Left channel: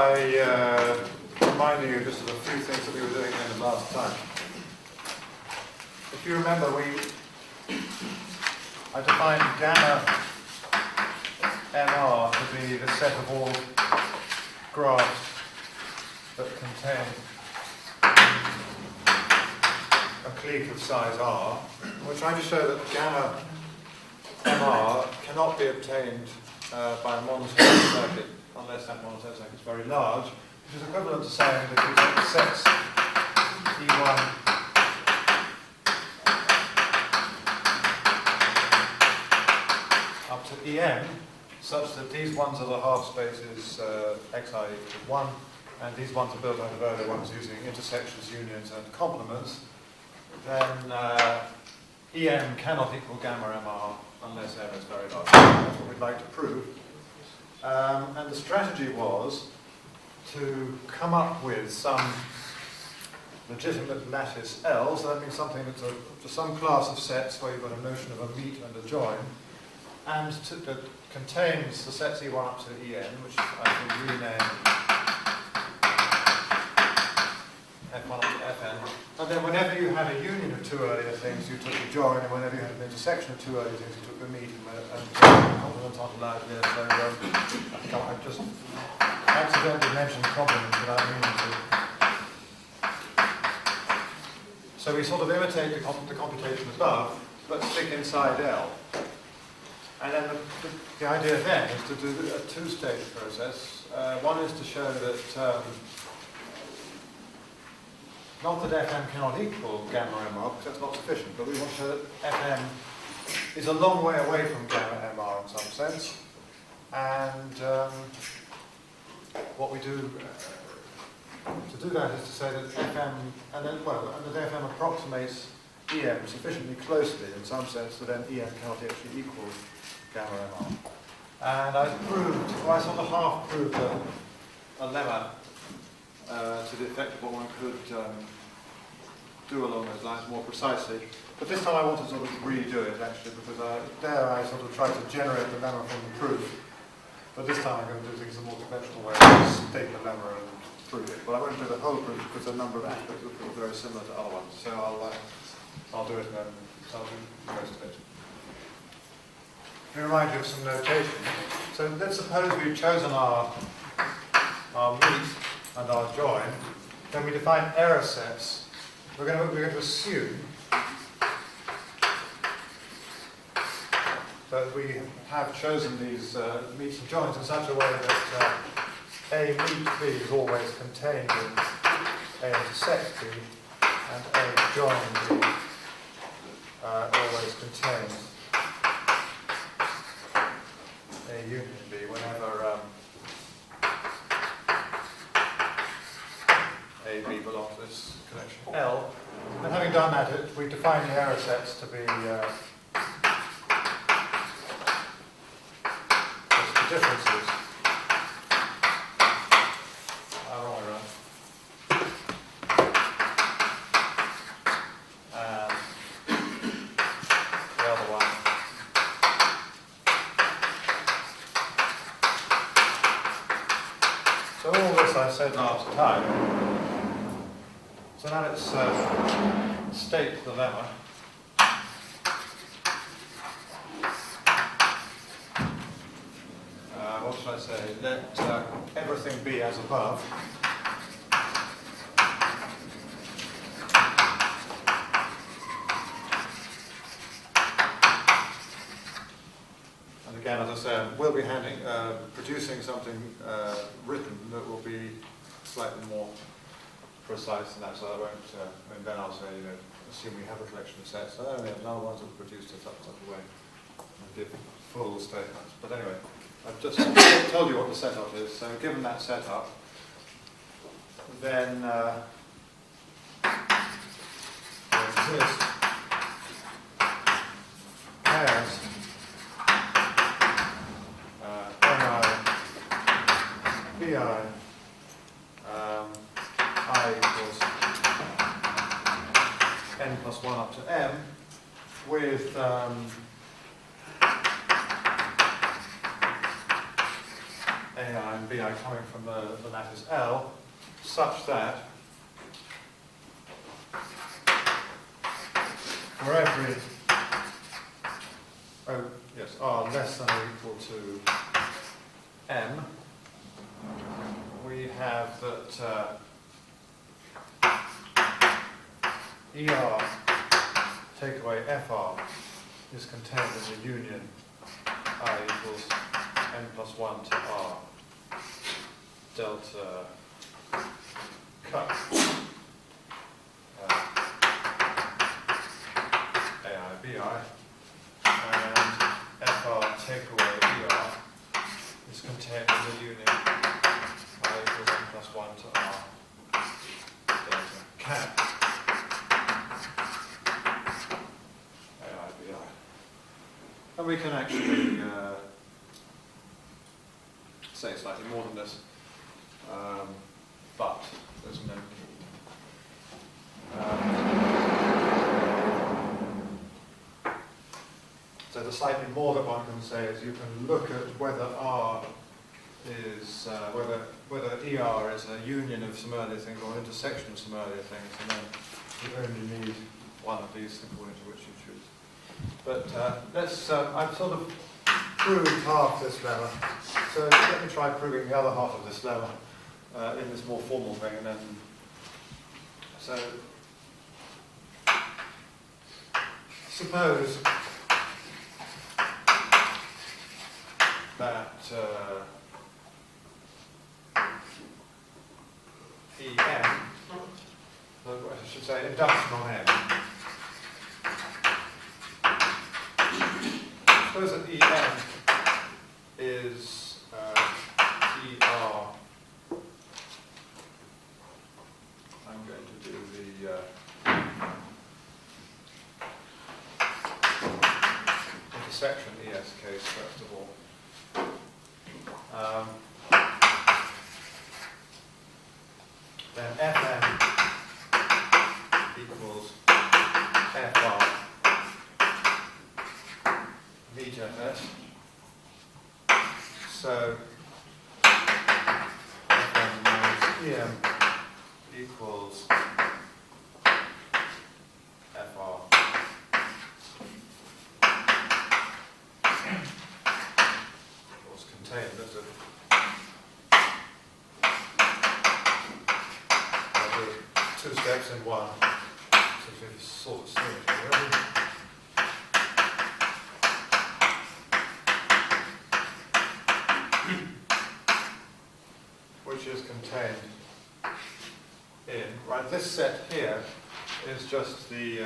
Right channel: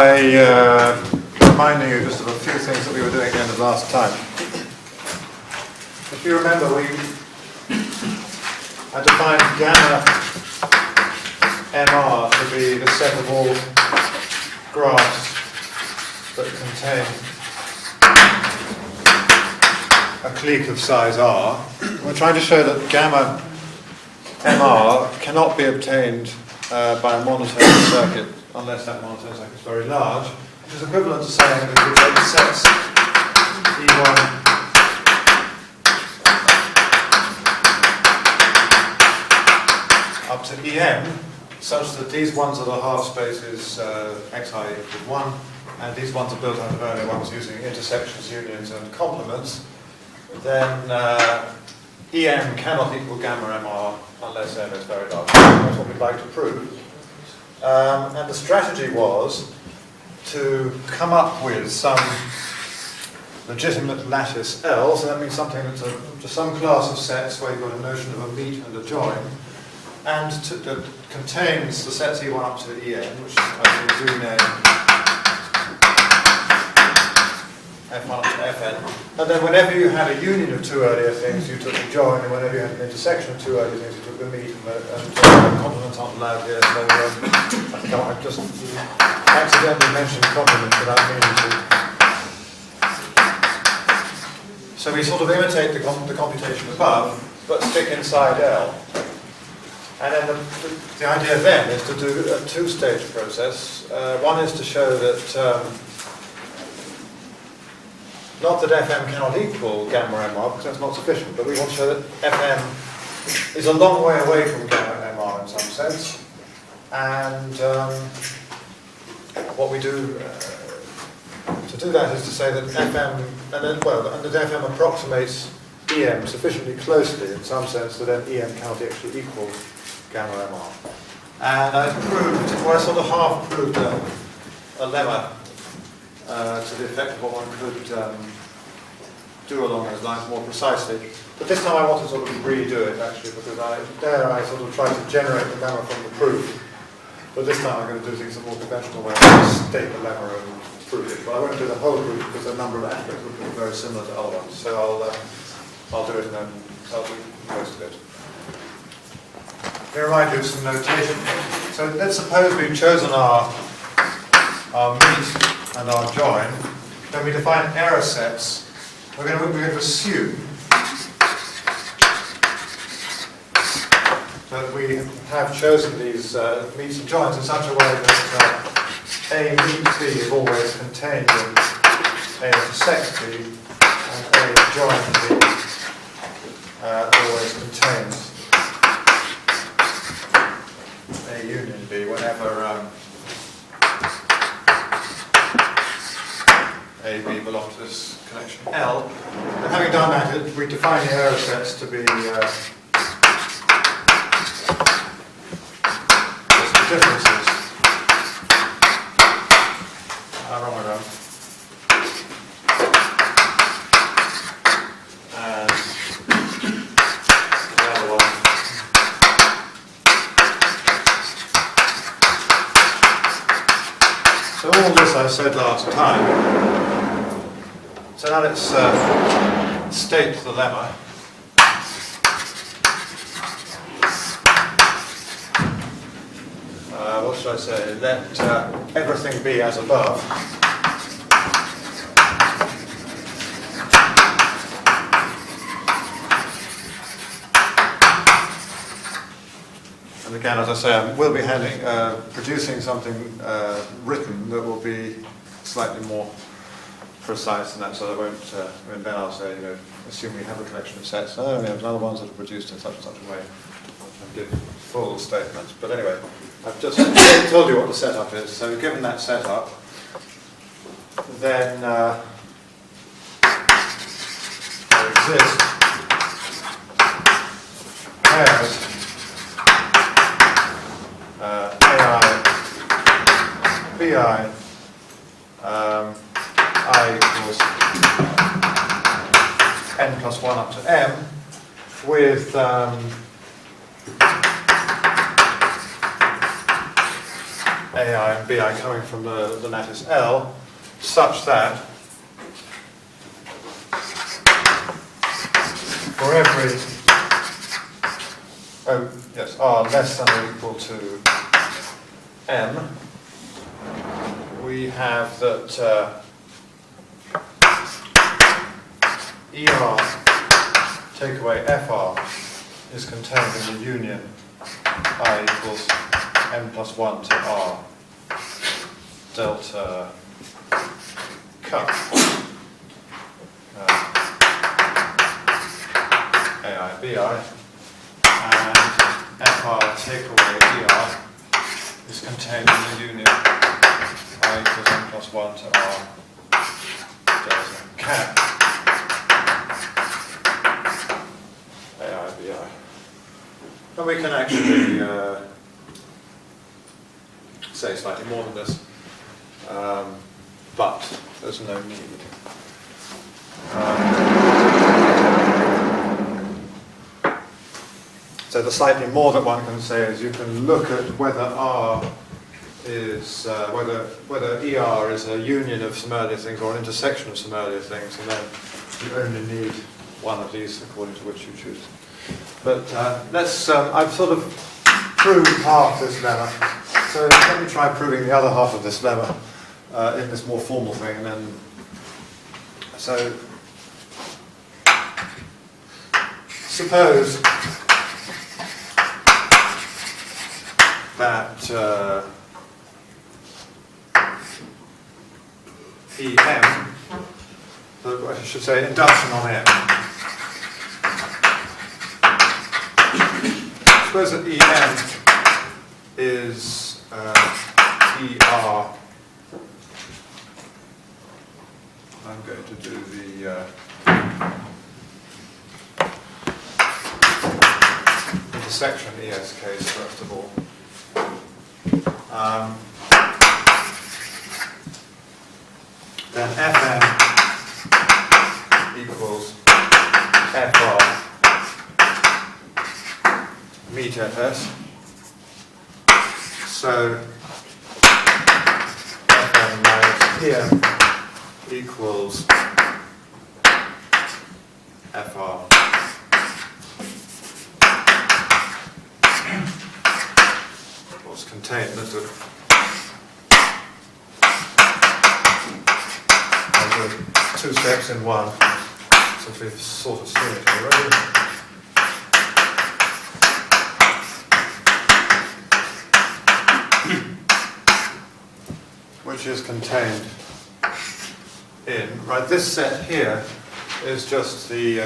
Reminding you just of a few things that we were doing at the end of last time. If you remember, I defined gamma MR to be the set of all graphs that contain a clique of size R. We're trying to show that gamma MR cannot be obtained by a monotone circuit unless that monotone circuit is very large, which is equivalent to saying that if we take sets E1 up to EM, such that these ones are the half spaces xi equals 1, and these ones are built out of earlier ones using intersections, unions, and complements, then EM cannot equal gamma MR unless M is very large. That's what we'd like to prove. And the strategy was to come up with some legitimate lattice L, so that means something that's to some class of sets where you've got a notion of a meet and a join, and that contains the sets E1 up to En, which I can rename F1 up to Fn. And then whenever you had a union of two earlier things, you took a join, and whenever you had an intersection of two earlier things, you took the meet, and complements aren't allowed here, so I think I've just accidentally mentioned complements without meaning to. So we sort of imitate the computation above, but stick inside L. And then the idea then is to do a two-stage process. One is to show that not that Fm cannot equal gamma MR, because that's not sufficient, but we want to show that Fm is a long way away from gamma MR in some sense. And what we do to do that is to say that Fm, and that Fm approximates Em sufficiently closely in some sense that then Em cannot actually equal gamma MR. And I proved, well, I sort of half proved a lemma to the effect of what one could do along those lines more precisely. But this time I want to sort of redo it actually, because I sort of tried to generate the lemma from the proof. But this time I'm going to do things in a more conventional way. I'll just state the lemma and prove it. But I won't do the whole proof because a number of aspects will be very similar to other ones. So I'll do it and then I'll do most of it. Let me remind you of some notation. So let's suppose we've chosen our meet and our join, then we define error sets. We're going to assume that we have chosen these meets and joins in such a way that A meet B is always contained in A intersect B, and A join B always contains A union B whenever A, B belong to this connection L. And having done that, we define the error sets to be just the differences. Wrong way around. And the other one. So all this I said last time. So now let's state the lemma. What should I say? Let everything be as above. And again, as I say, I will be producing something written that will be slightly more precise than that, so I won't, then I'll say, assume we have a collection of sets. We have other ones that are produced in such and such a way, and give full statements. But anyway, I've just told you what the setup is. So given that setup, then there exist pairs AI, BI, I equals n plus 1 up to m with AI and BI coming from the lattice L, such that for every R less than or equal to M, we have that ER take away FR is contained in the union I equals M plus 1 to R delta cut AI BI, and FR take away ER is contained in the union I equals M plus 1 to R delta cat AI BI. And we can actually say slightly more than this, but there's no need. So the slightly more that one can say is you can look at whether R is whether ER is a union of some earlier things or an intersection of some earlier things, and then you only need one of these according to which you choose. But let's I've sort of proved half this lemma, so let me try proving the other half of this lemma in this more formal thing, and then so suppose that EM, I should say induction on M. Suppose that EM is ER. I'm going to do the intersection ES case first of all. Then Fn equals Fr meet Fs. So Fn minus Em equals Fr. What's contained? Let's look. Two steps in one, since we've sort of seen it already. Which is contained in, right, this set here is just the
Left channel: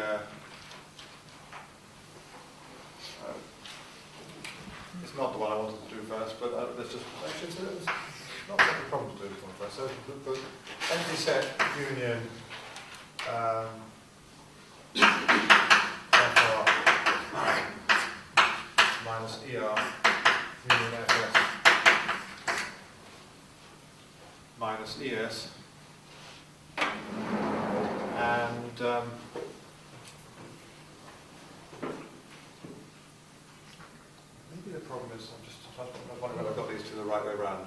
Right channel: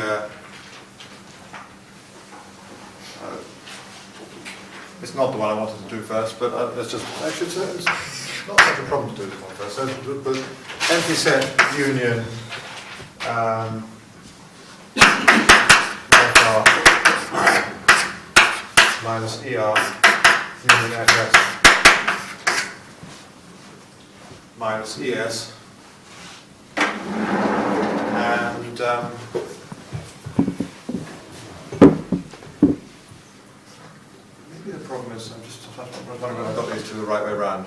it's not the one I wanted to do first, but let's just, actually it's not such a problem to do this one first. So, but empty set union FR minus ER union FS minus ES, and maybe the problem is I'm just wondering whether I've got these two the right way around.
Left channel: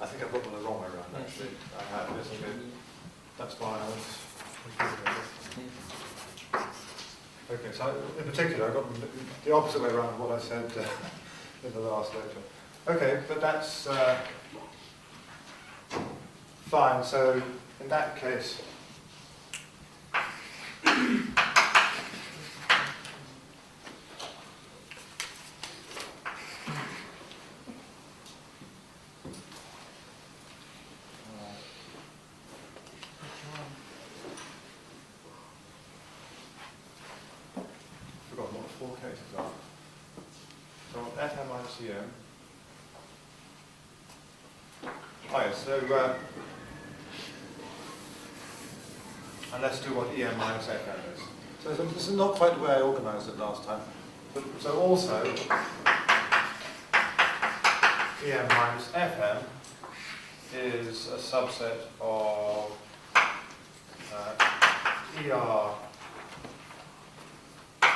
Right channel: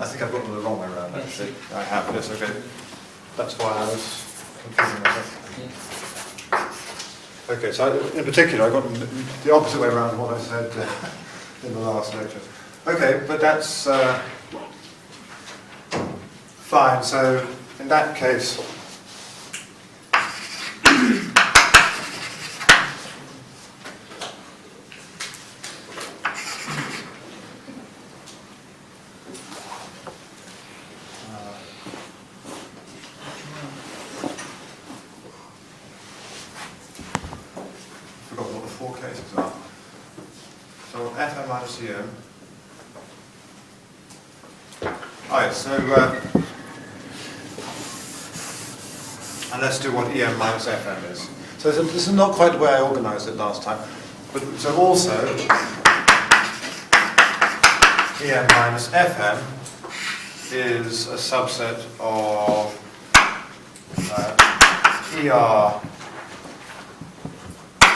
I think I've got them the wrong way around, actually. I have, yes, okay. That's why I was confusing myself. Okay, so in particular, I got them the opposite way around what I said in the last lecture. Okay, but that's fine. So in that case, and let's do what EM minus FM is. So this is not quite the way I organised it last time. But so also EM minus FM is a subset of ER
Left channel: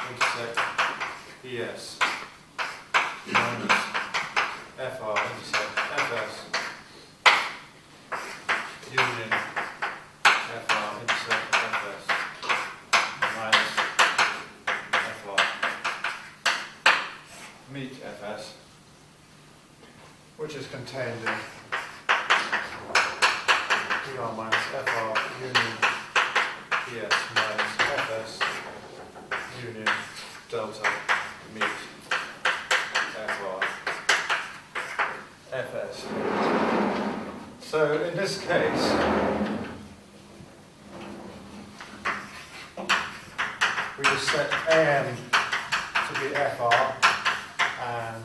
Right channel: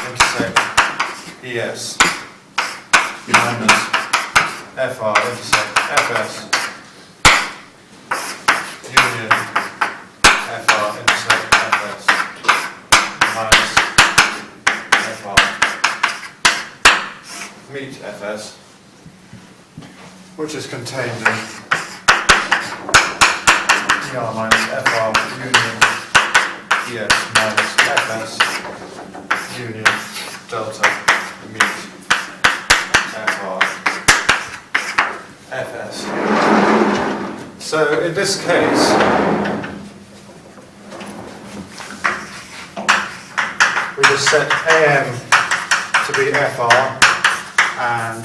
intersect ES minus FR intersect FS union FR intersect FS minus FR meet FS, which is contained in ER minus FR union ES minus FS union delta meet FR FS. So in this case, we just set AM to be FR and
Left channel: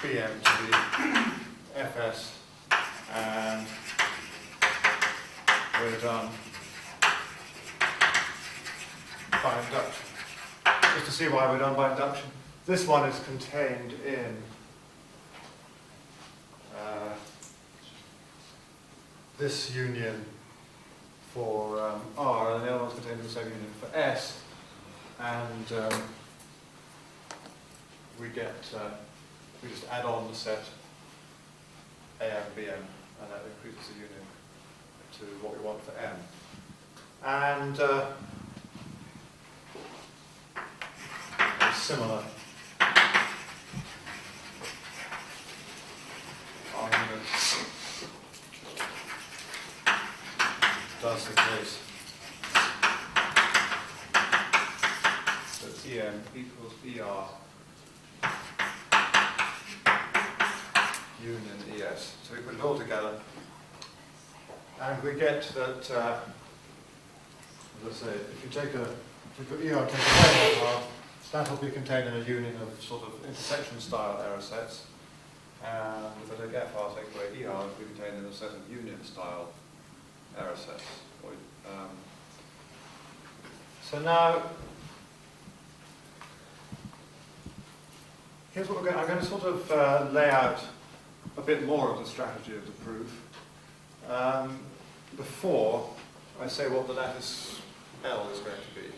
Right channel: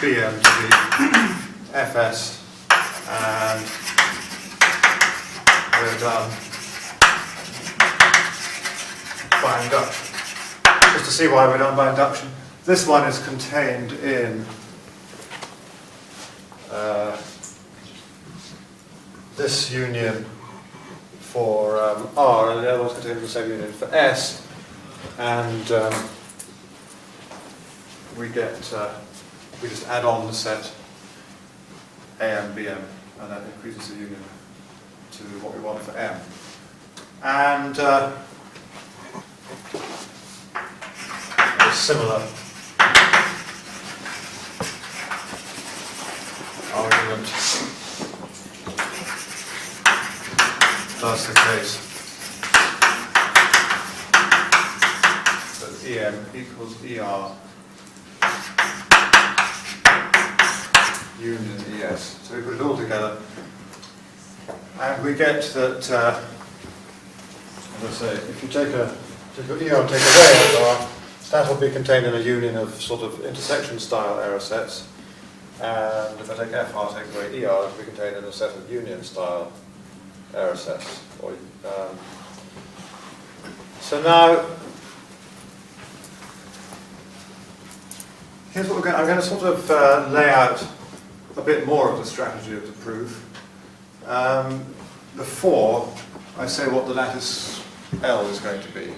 BM to be FS, and we're done by induction. Just to see why we're done by induction, this one is contained in this union for R, and the other one's contained in the same union for S, and we just add on the set AM, BM, and that increases the union to what we want for M. And a similar argument does the case that EM equals ER union ES. So we put it all together, and we get that, as I say, if you take ER and take away R, that will be contained in a union of sort of intersection style error sets, and if I take FR, take away ER, it will be contained in a set of union style error sets. So now, here's what I'm going to sort of lay out a bit more of the strategy of the proof. Before I say what the lattice L is going to be.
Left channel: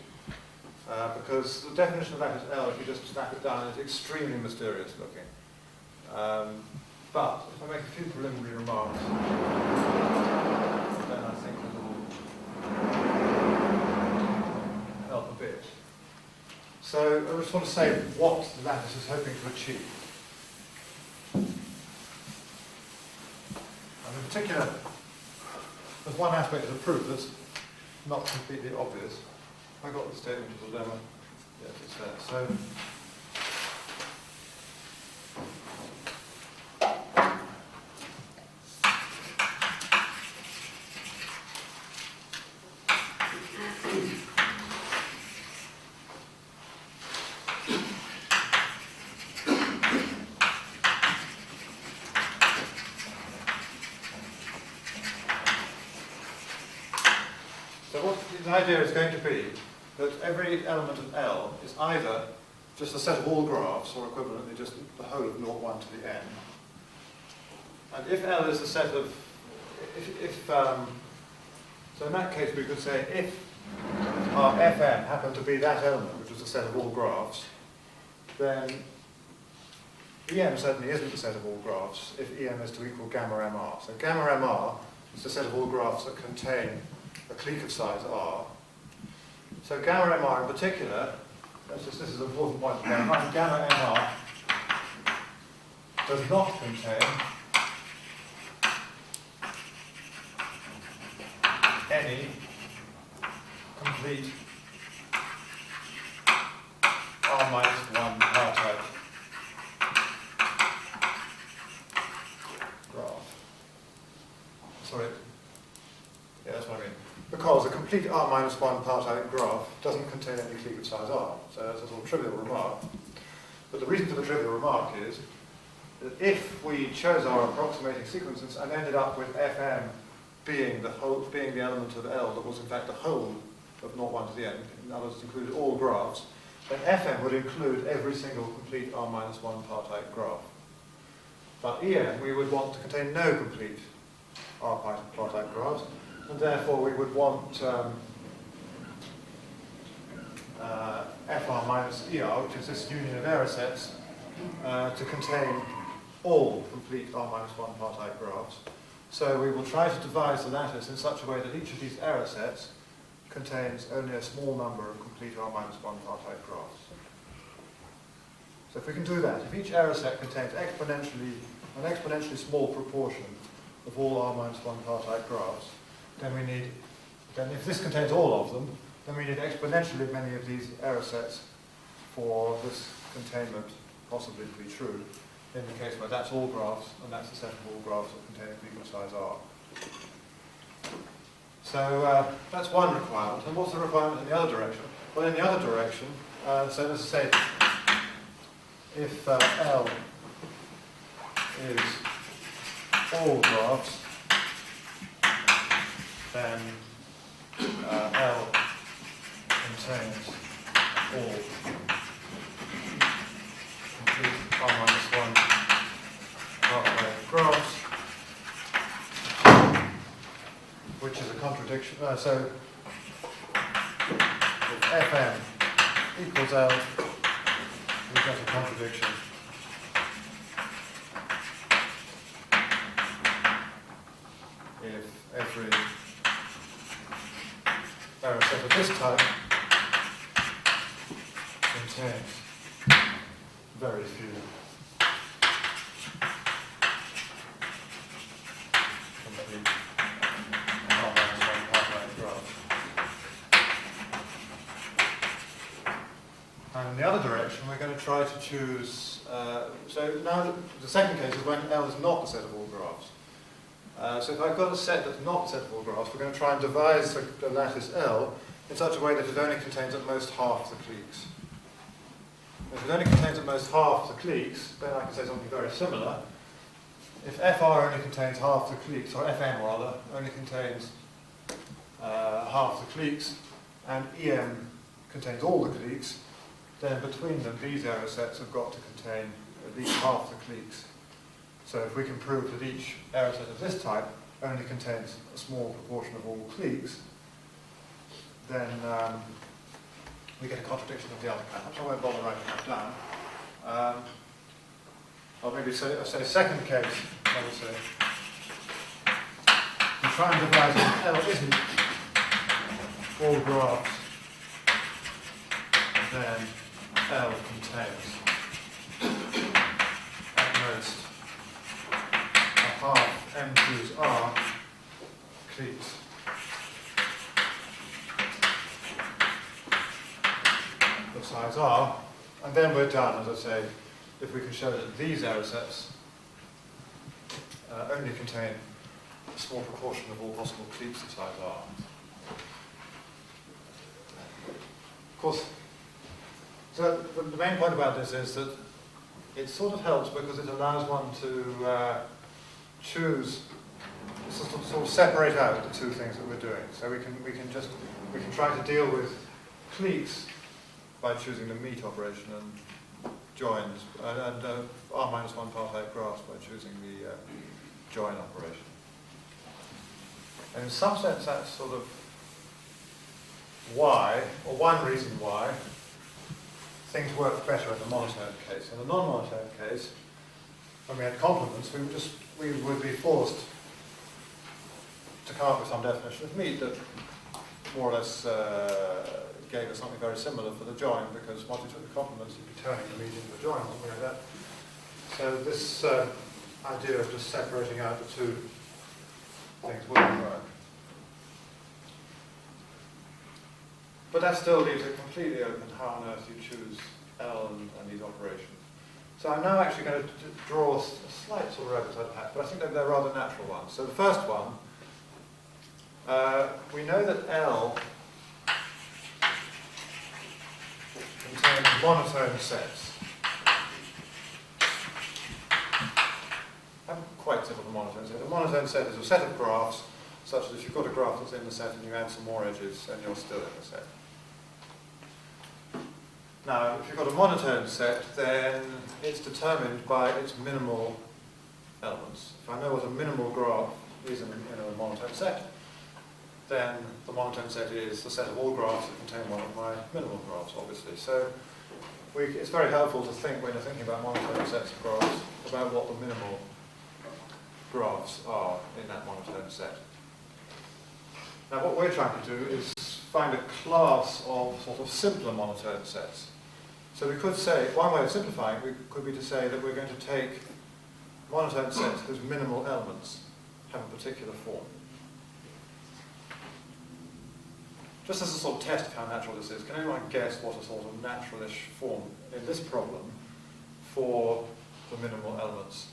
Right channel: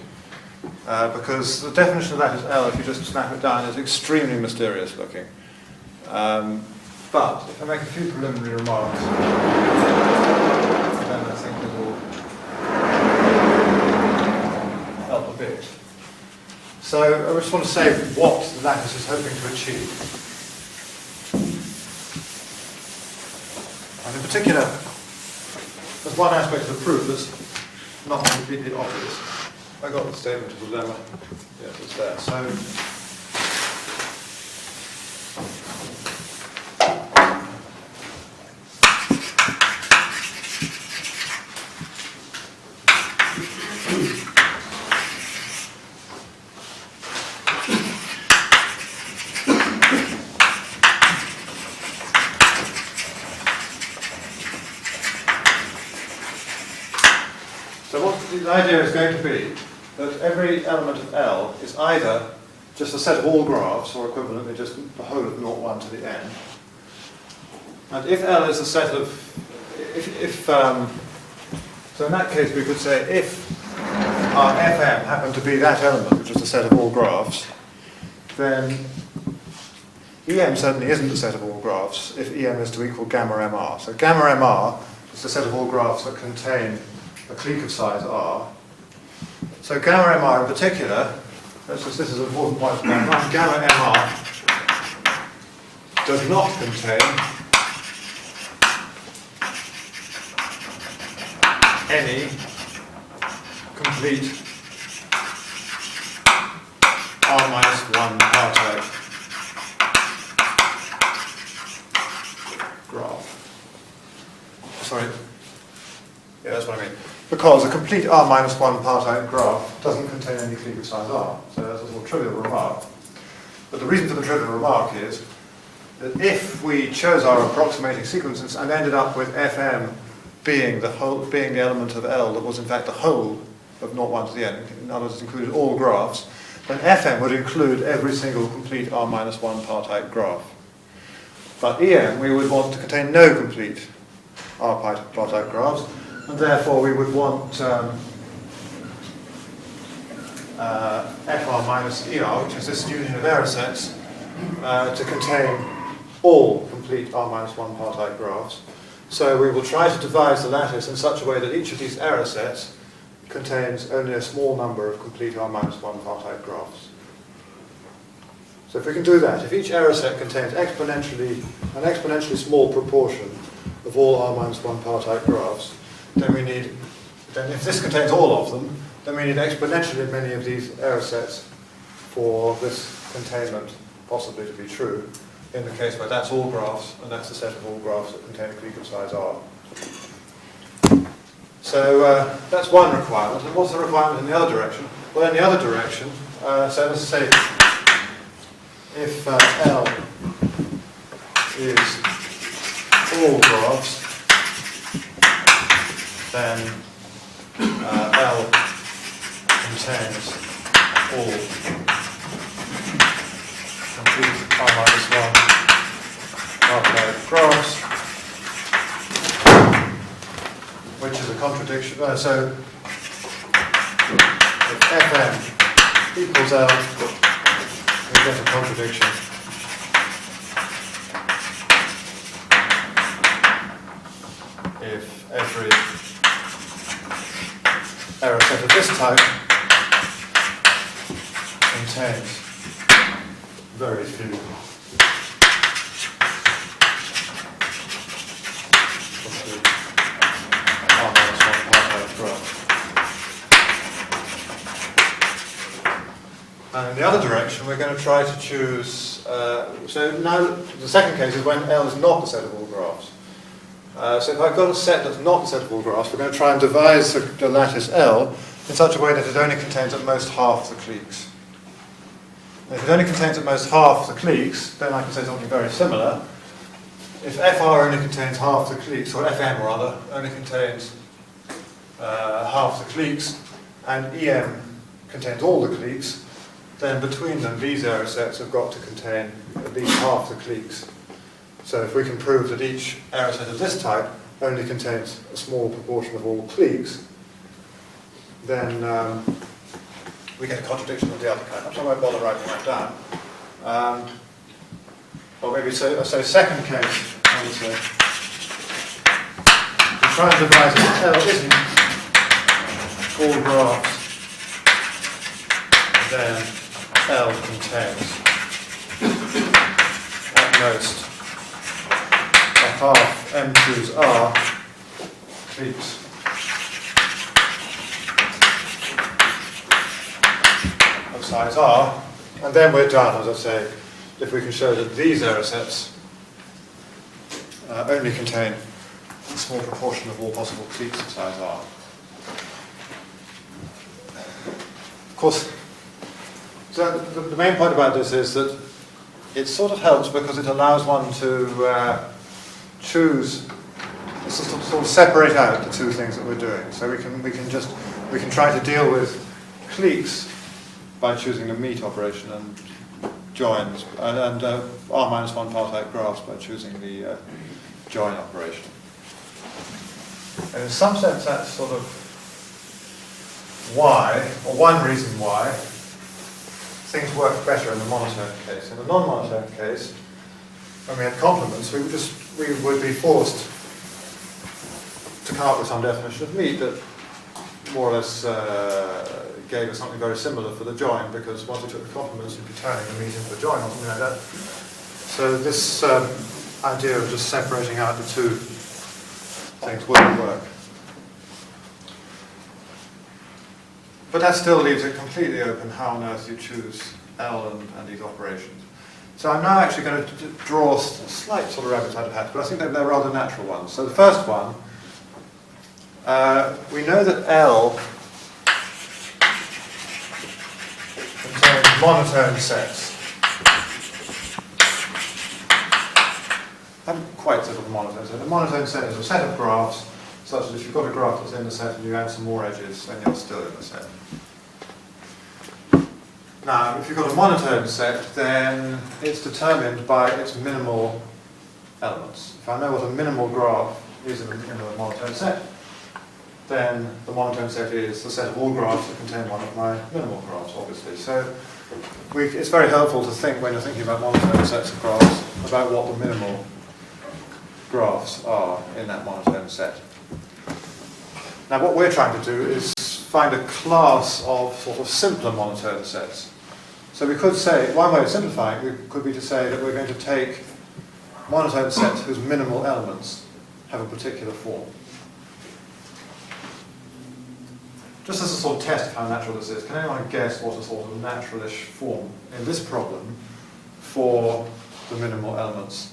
Because the definition of lattice L, if you just snap it down, is extremely mysterious looking. But if I make a few preliminary remarks, then I think it will help a bit. So I just want to say what the lattice is hoping to achieve. And in particular, there's one aspect of the proof that's not completely obvious. I got the statement of the lemma. Yes, it's there. So the idea is going to be that every element of L is either just a set of all graphs, or equivalently just the whole of 0, 1 to the n. And if L is a set of, so in that case we could say if our Fm happened to be that element, which is a set of all graphs, then Em certainly isn't a set of all graphs if Em is to equal gamma mr. So gamma mr is a set of all graphs that contain a clique of size R. So gamma mr in particular, this is an important point, gamma mr does not contain any complete R-1 R-type graph. Sorry. Yeah, that's what I mean. Because a complete R-1 par-type graph doesn't contain any clique of size R. So that's a little trivial remark. But the reason for the trivial remark is that if we chose our approximating sequences and ended up with Fm being the element of L that was in fact the whole of 0, 1 to the n, in other words, it included all graphs, then Fm would include every single complete R-1 par-type graph. But En, we would want to contain no complete R-par-type graphs, and therefore we would want FR minus ER, which is this union of error sets, to contain all complete R minus 1 partite graphs. So we will try to devise the lattice in such a way that each of these error sets contains only a small number of complete R minus 1 partite graphs. So if we can do that, if each error set contains an exponentially small proportion of all R minus 1 partite graphs, then if this contains all of them, then we need exponentially many of these error sets for this containment possibly to be true, in the case where that's all graphs, and that's the set of all graphs that contain a clique of size R. So that's one requirement. And what's the requirement in the other direction? Well, in the other direction, so let's say if L is all graphs, then L contains all complete R minus 1 partite graphs, which is a contradiction. So if Fm equals L, we get a contradiction. If every error set of this type contains very few R minus 1 partite graphs. And in the other direction, we're going to try to choose, so now the second case is when L is not the set of all graphs. So if I've got a set that's not the set of all graphs, we're going to try and devise the lattice L in such a way that it only contains at most half the cliques. And if it only contains at most half the cliques, then I can say something very similar. If FR only contains half the cliques, or FM rather, only contains half the cliques, and EM contains all the cliques, then between them these error sets have got to contain at least half the cliques. So if we can prove that each error set of this type only contains a small proportion of all cliques, then we get a contradiction of the other kind. I won't bother writing that down. Or maybe say second case, I would say. To try and devise it, L isn't all graphs, then L contains at most half M choose R cliques of size R, and then we're done, as I say, if we can show that these error sets only contain a small proportion of all possible cliques of size R. Of course, so the main point about this is that it sort of helps because it allows one to choose, sort of separate out the two things that we're doing. So we can try to deal with cliques by choosing the meet operation and joins, and R minus 1 partite graphs by choosing the join operation. And in some sense that's sort of why, or one reason why, things work better in the monotone case. In the non-monotone case, when we had complements, we would be forced to come up with some definition of meet that more or less gave us something very similar for the join, because once we took the complements, we'd be turning the meet into a join or something like that. So this idea of just separating out the two things wouldn't work. But that still leaves it completely open how on earth you choose L and these operations. So I'm now actually going to draw a slight sort of rabbit out of hat, but I think they're rather natural ones. So the first one, we know that L contains monotone sets. I haven't quite settled the monotone set. A monotone set is a set of graphs such that if you've got a graph that's in the set and you add some more edges, then you're still in the set. Now, if you've got a monotone set, then it's determined by its minimal elements. If I know what a minimal graph is in a monotone set, then the monotone set is the set of all graphs that contain one of my minimal graphs, obviously. So it's very helpful to think, when you're thinking about monotone sets of graphs, about what the minimal graphs are in that monotone set. Now what we're trying to do is find a class of sort of simpler monotone sets. So we could say, one way of simplifying could be to say that we're going to take monotone sets whose minimal elements have a particular form. Just as a sort of test of how natural this is, can anyone guess what a sort of naturalish form in this problem for the minimal elements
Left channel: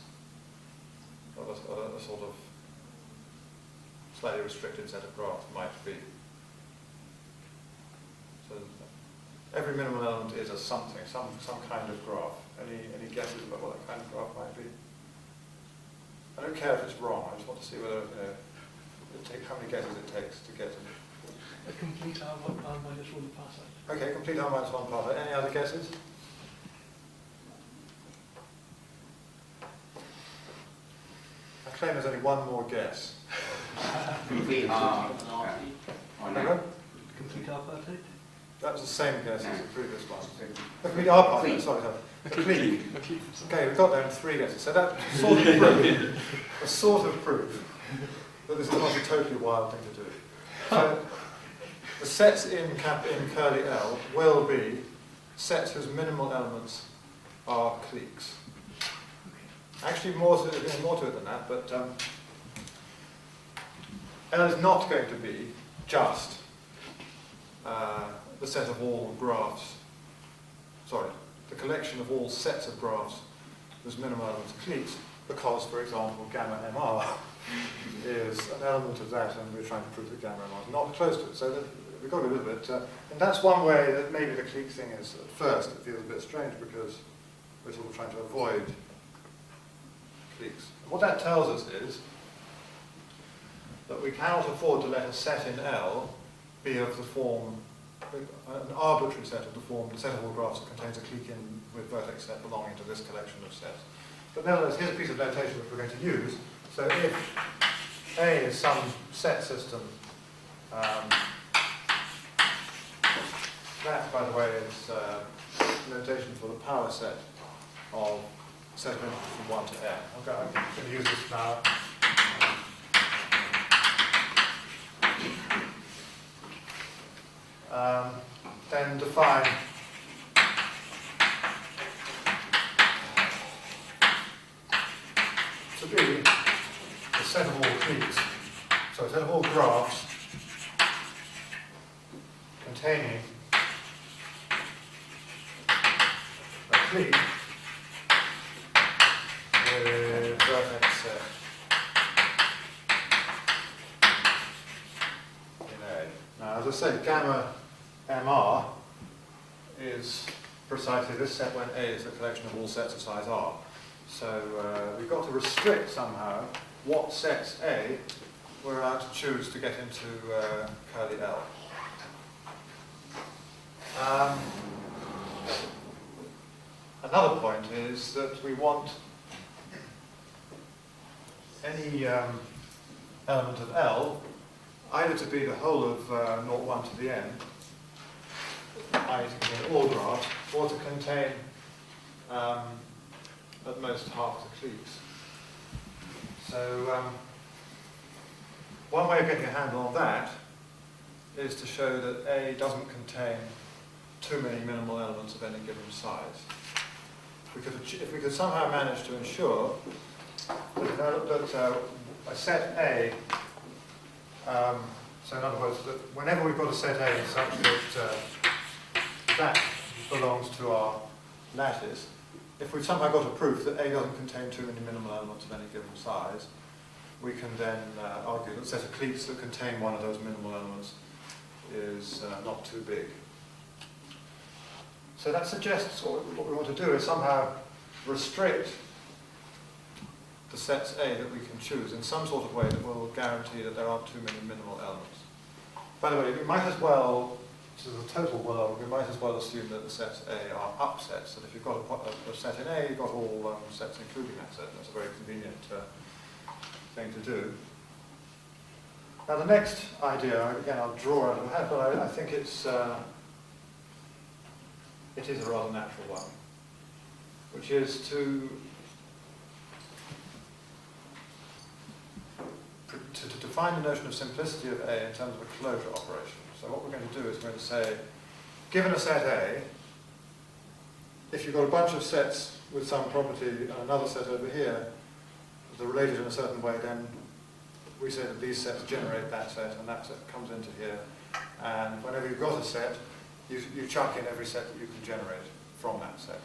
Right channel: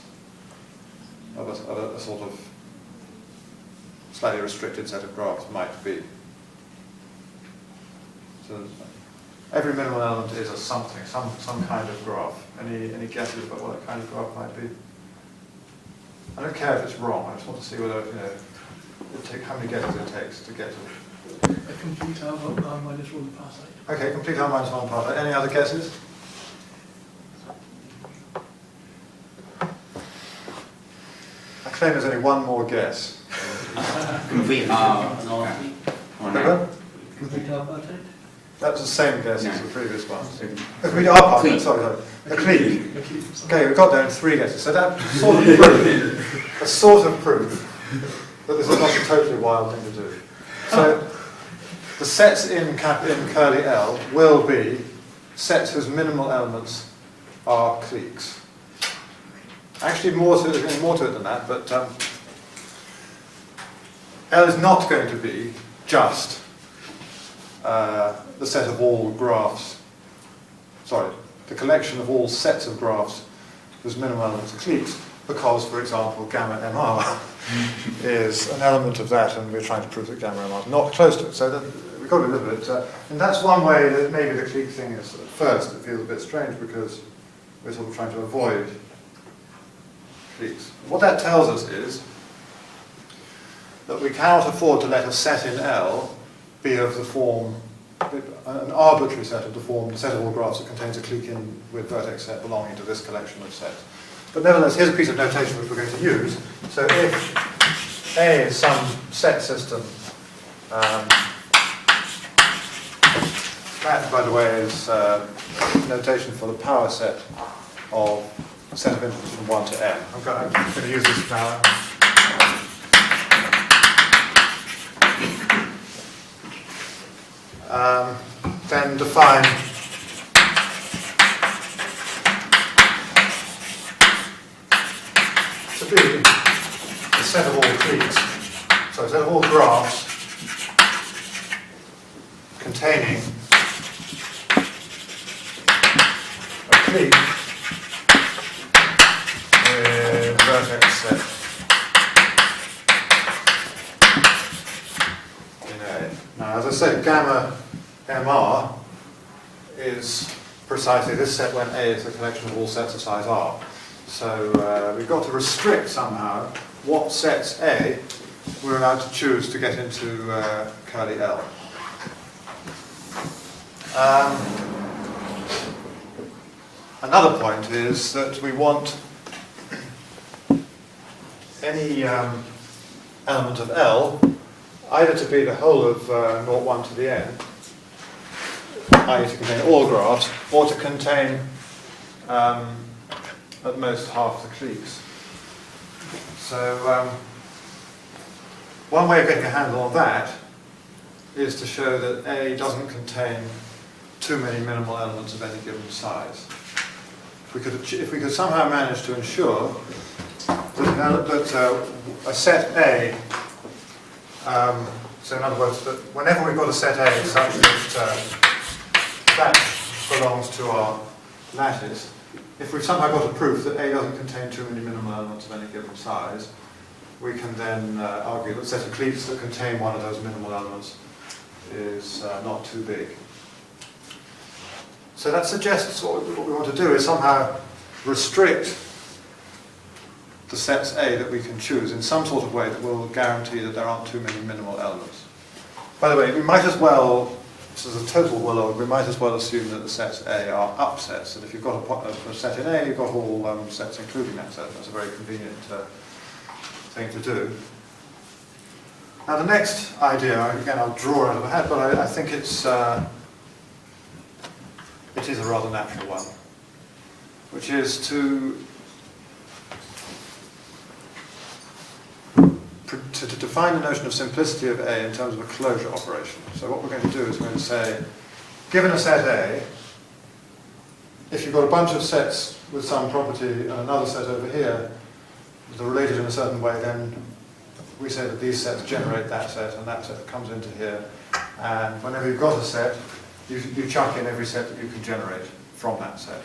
of a sort of slightly restricted set of graphs might be? So every minimal element is a something, some kind of graph. Any guesses about what that kind of graph might be? I don't care if it's wrong. I just want to see whether how many guesses it takes to get to it. A complete R minus 1 parsec. Okay, complete R minus 1 parsec. Any other guesses? I claim there's only one more guess. Complete R. Remember? Complete R parsec? That's the same guess No. as the previous one. A complete R parsec, Clique. sorry. A clique. A clique. Okay, we got there in 3 guesses. So that sort of proof that this is not a totally wild thing to do. So the sets in curly L will be sets whose minimal elements are cliques. Actually, there's going to be more to it than that, but L is not going to be just the set of all graphs, the collection of all sets of graphs whose minimal elements are cliques, because, for example, gamma MR is an element of that, and we're trying to prove that gamma MR is not close to it. So we've got to be a little bit, and that's one way that maybe the clique thing is, at first, it feels a bit strange because we're sort of trying to avoid cliques. What that tells us is that we cannot afford to let a set in L be of the form, an arbitrary set of the form, the set of all graphs that contains a clique in with vertex set belonging to this collection of sets. But nevertheless, here's a piece of notation which we're going to use. So if A is some set system, that, by the way, is notation for the power set of a set of integers from 1 to n. I'm going to use this now. Then define to be a set of all cliques, so a set of all graphs containing a clique with vertex set in A. Now, as I said, gamma MR is precisely this set when A is a collection of all sets of size R. So we've got to restrict somehow what sets A we're allowed to choose to get into curly L. Another point is that we want any element of L either to be the whole of 0, 1 to the n, i.e. to contain all graphs, or to contain at most half the cliques. So one way of getting a handle on that is to show that A doesn't contain too many minimal elements of any given size. If we could somehow manage to ensure that a set A, so in other words, that whenever we've got a set A such that that belongs to our lattice, if we've somehow got a proof that A doesn't contain too many minimal elements of any given size, we can then argue that the set of cliques that contain one of those minimal elements is not too big. So that suggests what we want to do is somehow restrict the sets A that we can choose in some sort of way that will guarantee that there aren't too many minimal elements. By the way, we might as well, this is a total willow, we might as well assume that the sets A are upsets, that if you've got a set in A, you've got all sets including that set. That's a very convenient thing to do. Now the next idea, again I'll draw out of my head, but I think it is a rather natural one, which is to define the notion of simplicity of A in terms of a closure operation. So what we're going to do is we're going to say, given a set A, if you've got a bunch of sets with some property and another set over here that are related in a certain way, then we say that these sets generate that set, and that set comes into here. And whenever you've got a set, you chuck in every set that you can generate from that set.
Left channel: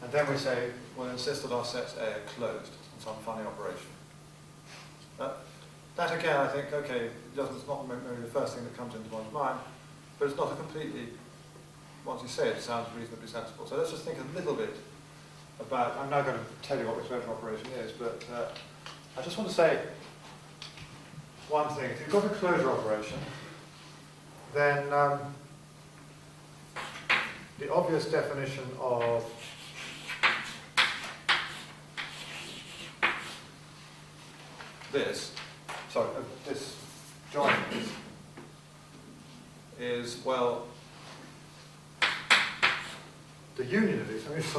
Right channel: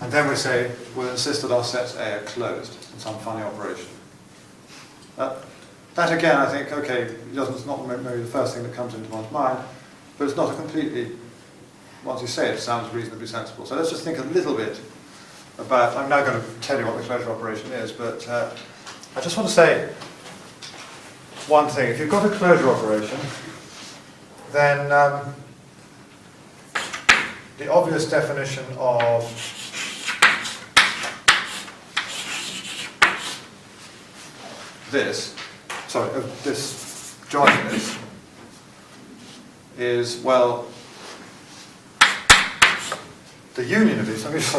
And then we say, we'll insist that our sets A are closed in some funny operation. That again, I think, okay, it's not maybe the first thing that comes into one's mind, but it's not a completely, once you say it, it sounds reasonably sensible. So let's just think a little bit about, I'm now going to tell you what the closure operation is, but I just want to say one thing. If you've got a closure operation, then the obvious definition of this jointness is, well, the union of these. Let me just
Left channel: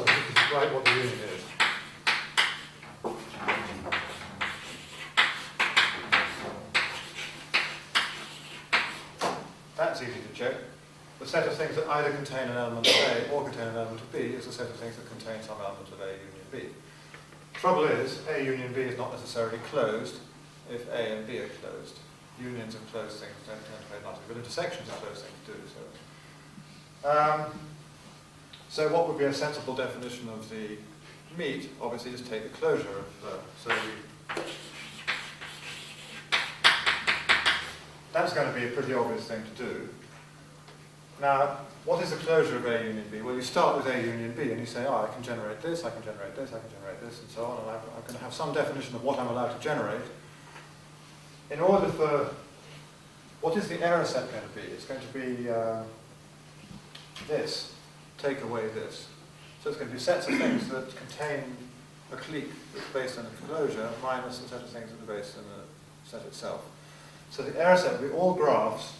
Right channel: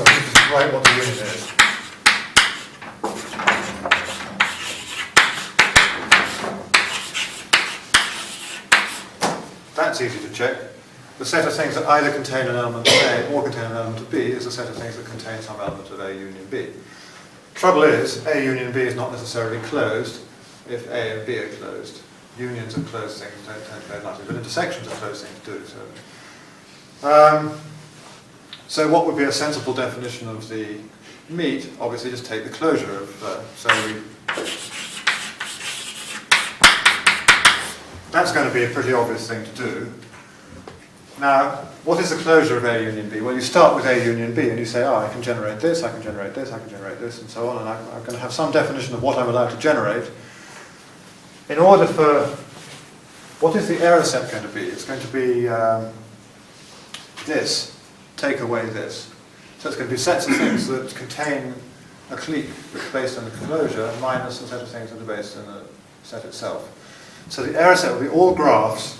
write what the union is. That's easy to check. The set of things that either contain an element of A or contain an element of B is a set of things that contain some element of A union B. Trouble is, A union B is not necessarily closed if A and B are closed. Unions of closed things don't tend nothing, but intersections of closed things do. So what would be a sensible definition of the meet? Obviously just take the closure of, that's going to be a pretty obvious thing to do. Now, what is the closure of A union B? Well, you start with A union B and you say, oh, I can generate this, I can generate this, I can generate this, and so on, and I'm going to have some definition of what I'm allowed to generate. In order for, what is the error set going to be? It's going to be this, take away this. So it's going to be sets of things that contain a clique that's based on the closure minus a set of things that are based in the set itself. So the error set will be all graphs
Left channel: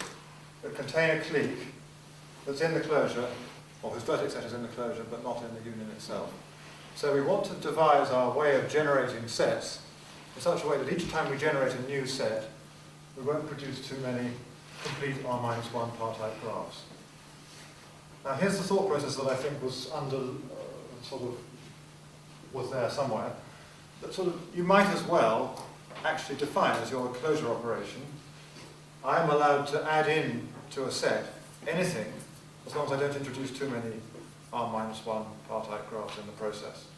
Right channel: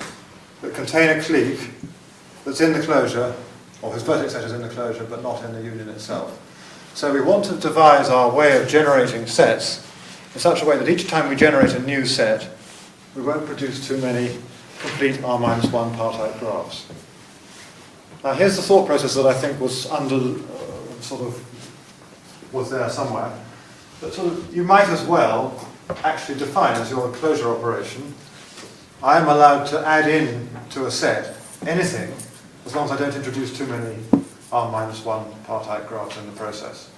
that contain a clique that's in the closure, or whose vertex set is in the closure, but not in the union itself. So we want to devise our way of generating sets in such a way that each time we generate a new set, we won't produce too many complete R-1 partite graphs. Now here's the thought process that I think was was there somewhere. But you might as well actually define as your closure operation, I'm allowed to add in to a set anything as long as I don't introduce too many R-1 partite graphs in the process.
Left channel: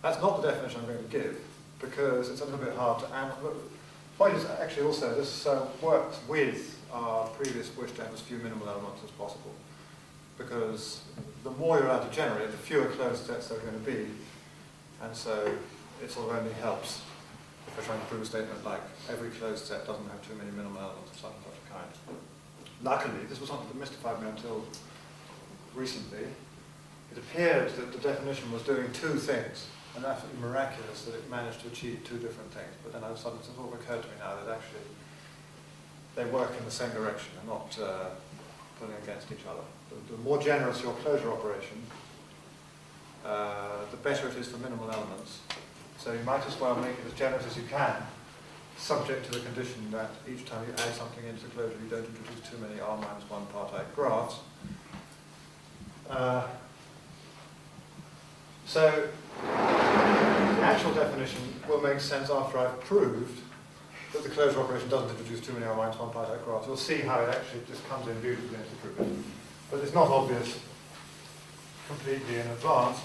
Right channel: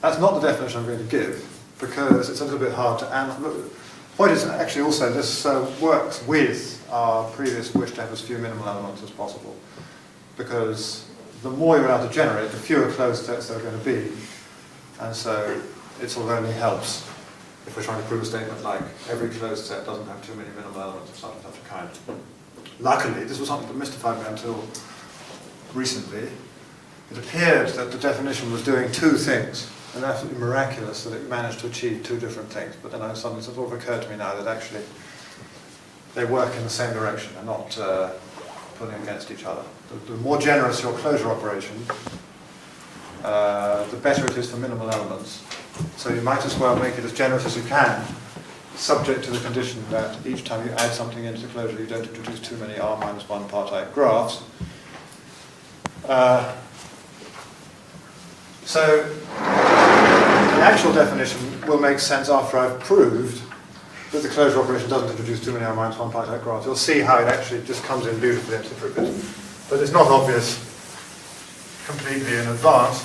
That's not the definition I'm going to give, because it's a little bit hard to analyze. The point is actually also this works with our previous wish to have as few minimal elements as possible, because the more you're allowed to generate, the fewer closed sets there are going to be, and so it sort of only helps if we're trying to prove a statement like every closed set doesn't have too many minimal elements of such and such a kind. Luckily, this was something that mystified me until recently. It appeared that the definition was doing two things, and absolutely miraculous that it managed to achieve two different things. But then suddenly it sort of occurred to me now that actually they work in the same direction. They're not pulling against each other. The more generous your closure operation, the better it is for minimal elements. So you might as well make it as generous as you can, subject to the condition that each time you add something into the closure, you don't introduce too many R-1 partite graphs. So the actual definition will make sense after I've proved that the closure operation doesn't introduce too many R-1 partite graphs. You'll see how it actually just comes in beautifully into prove it. But it's not obvious completely in advance.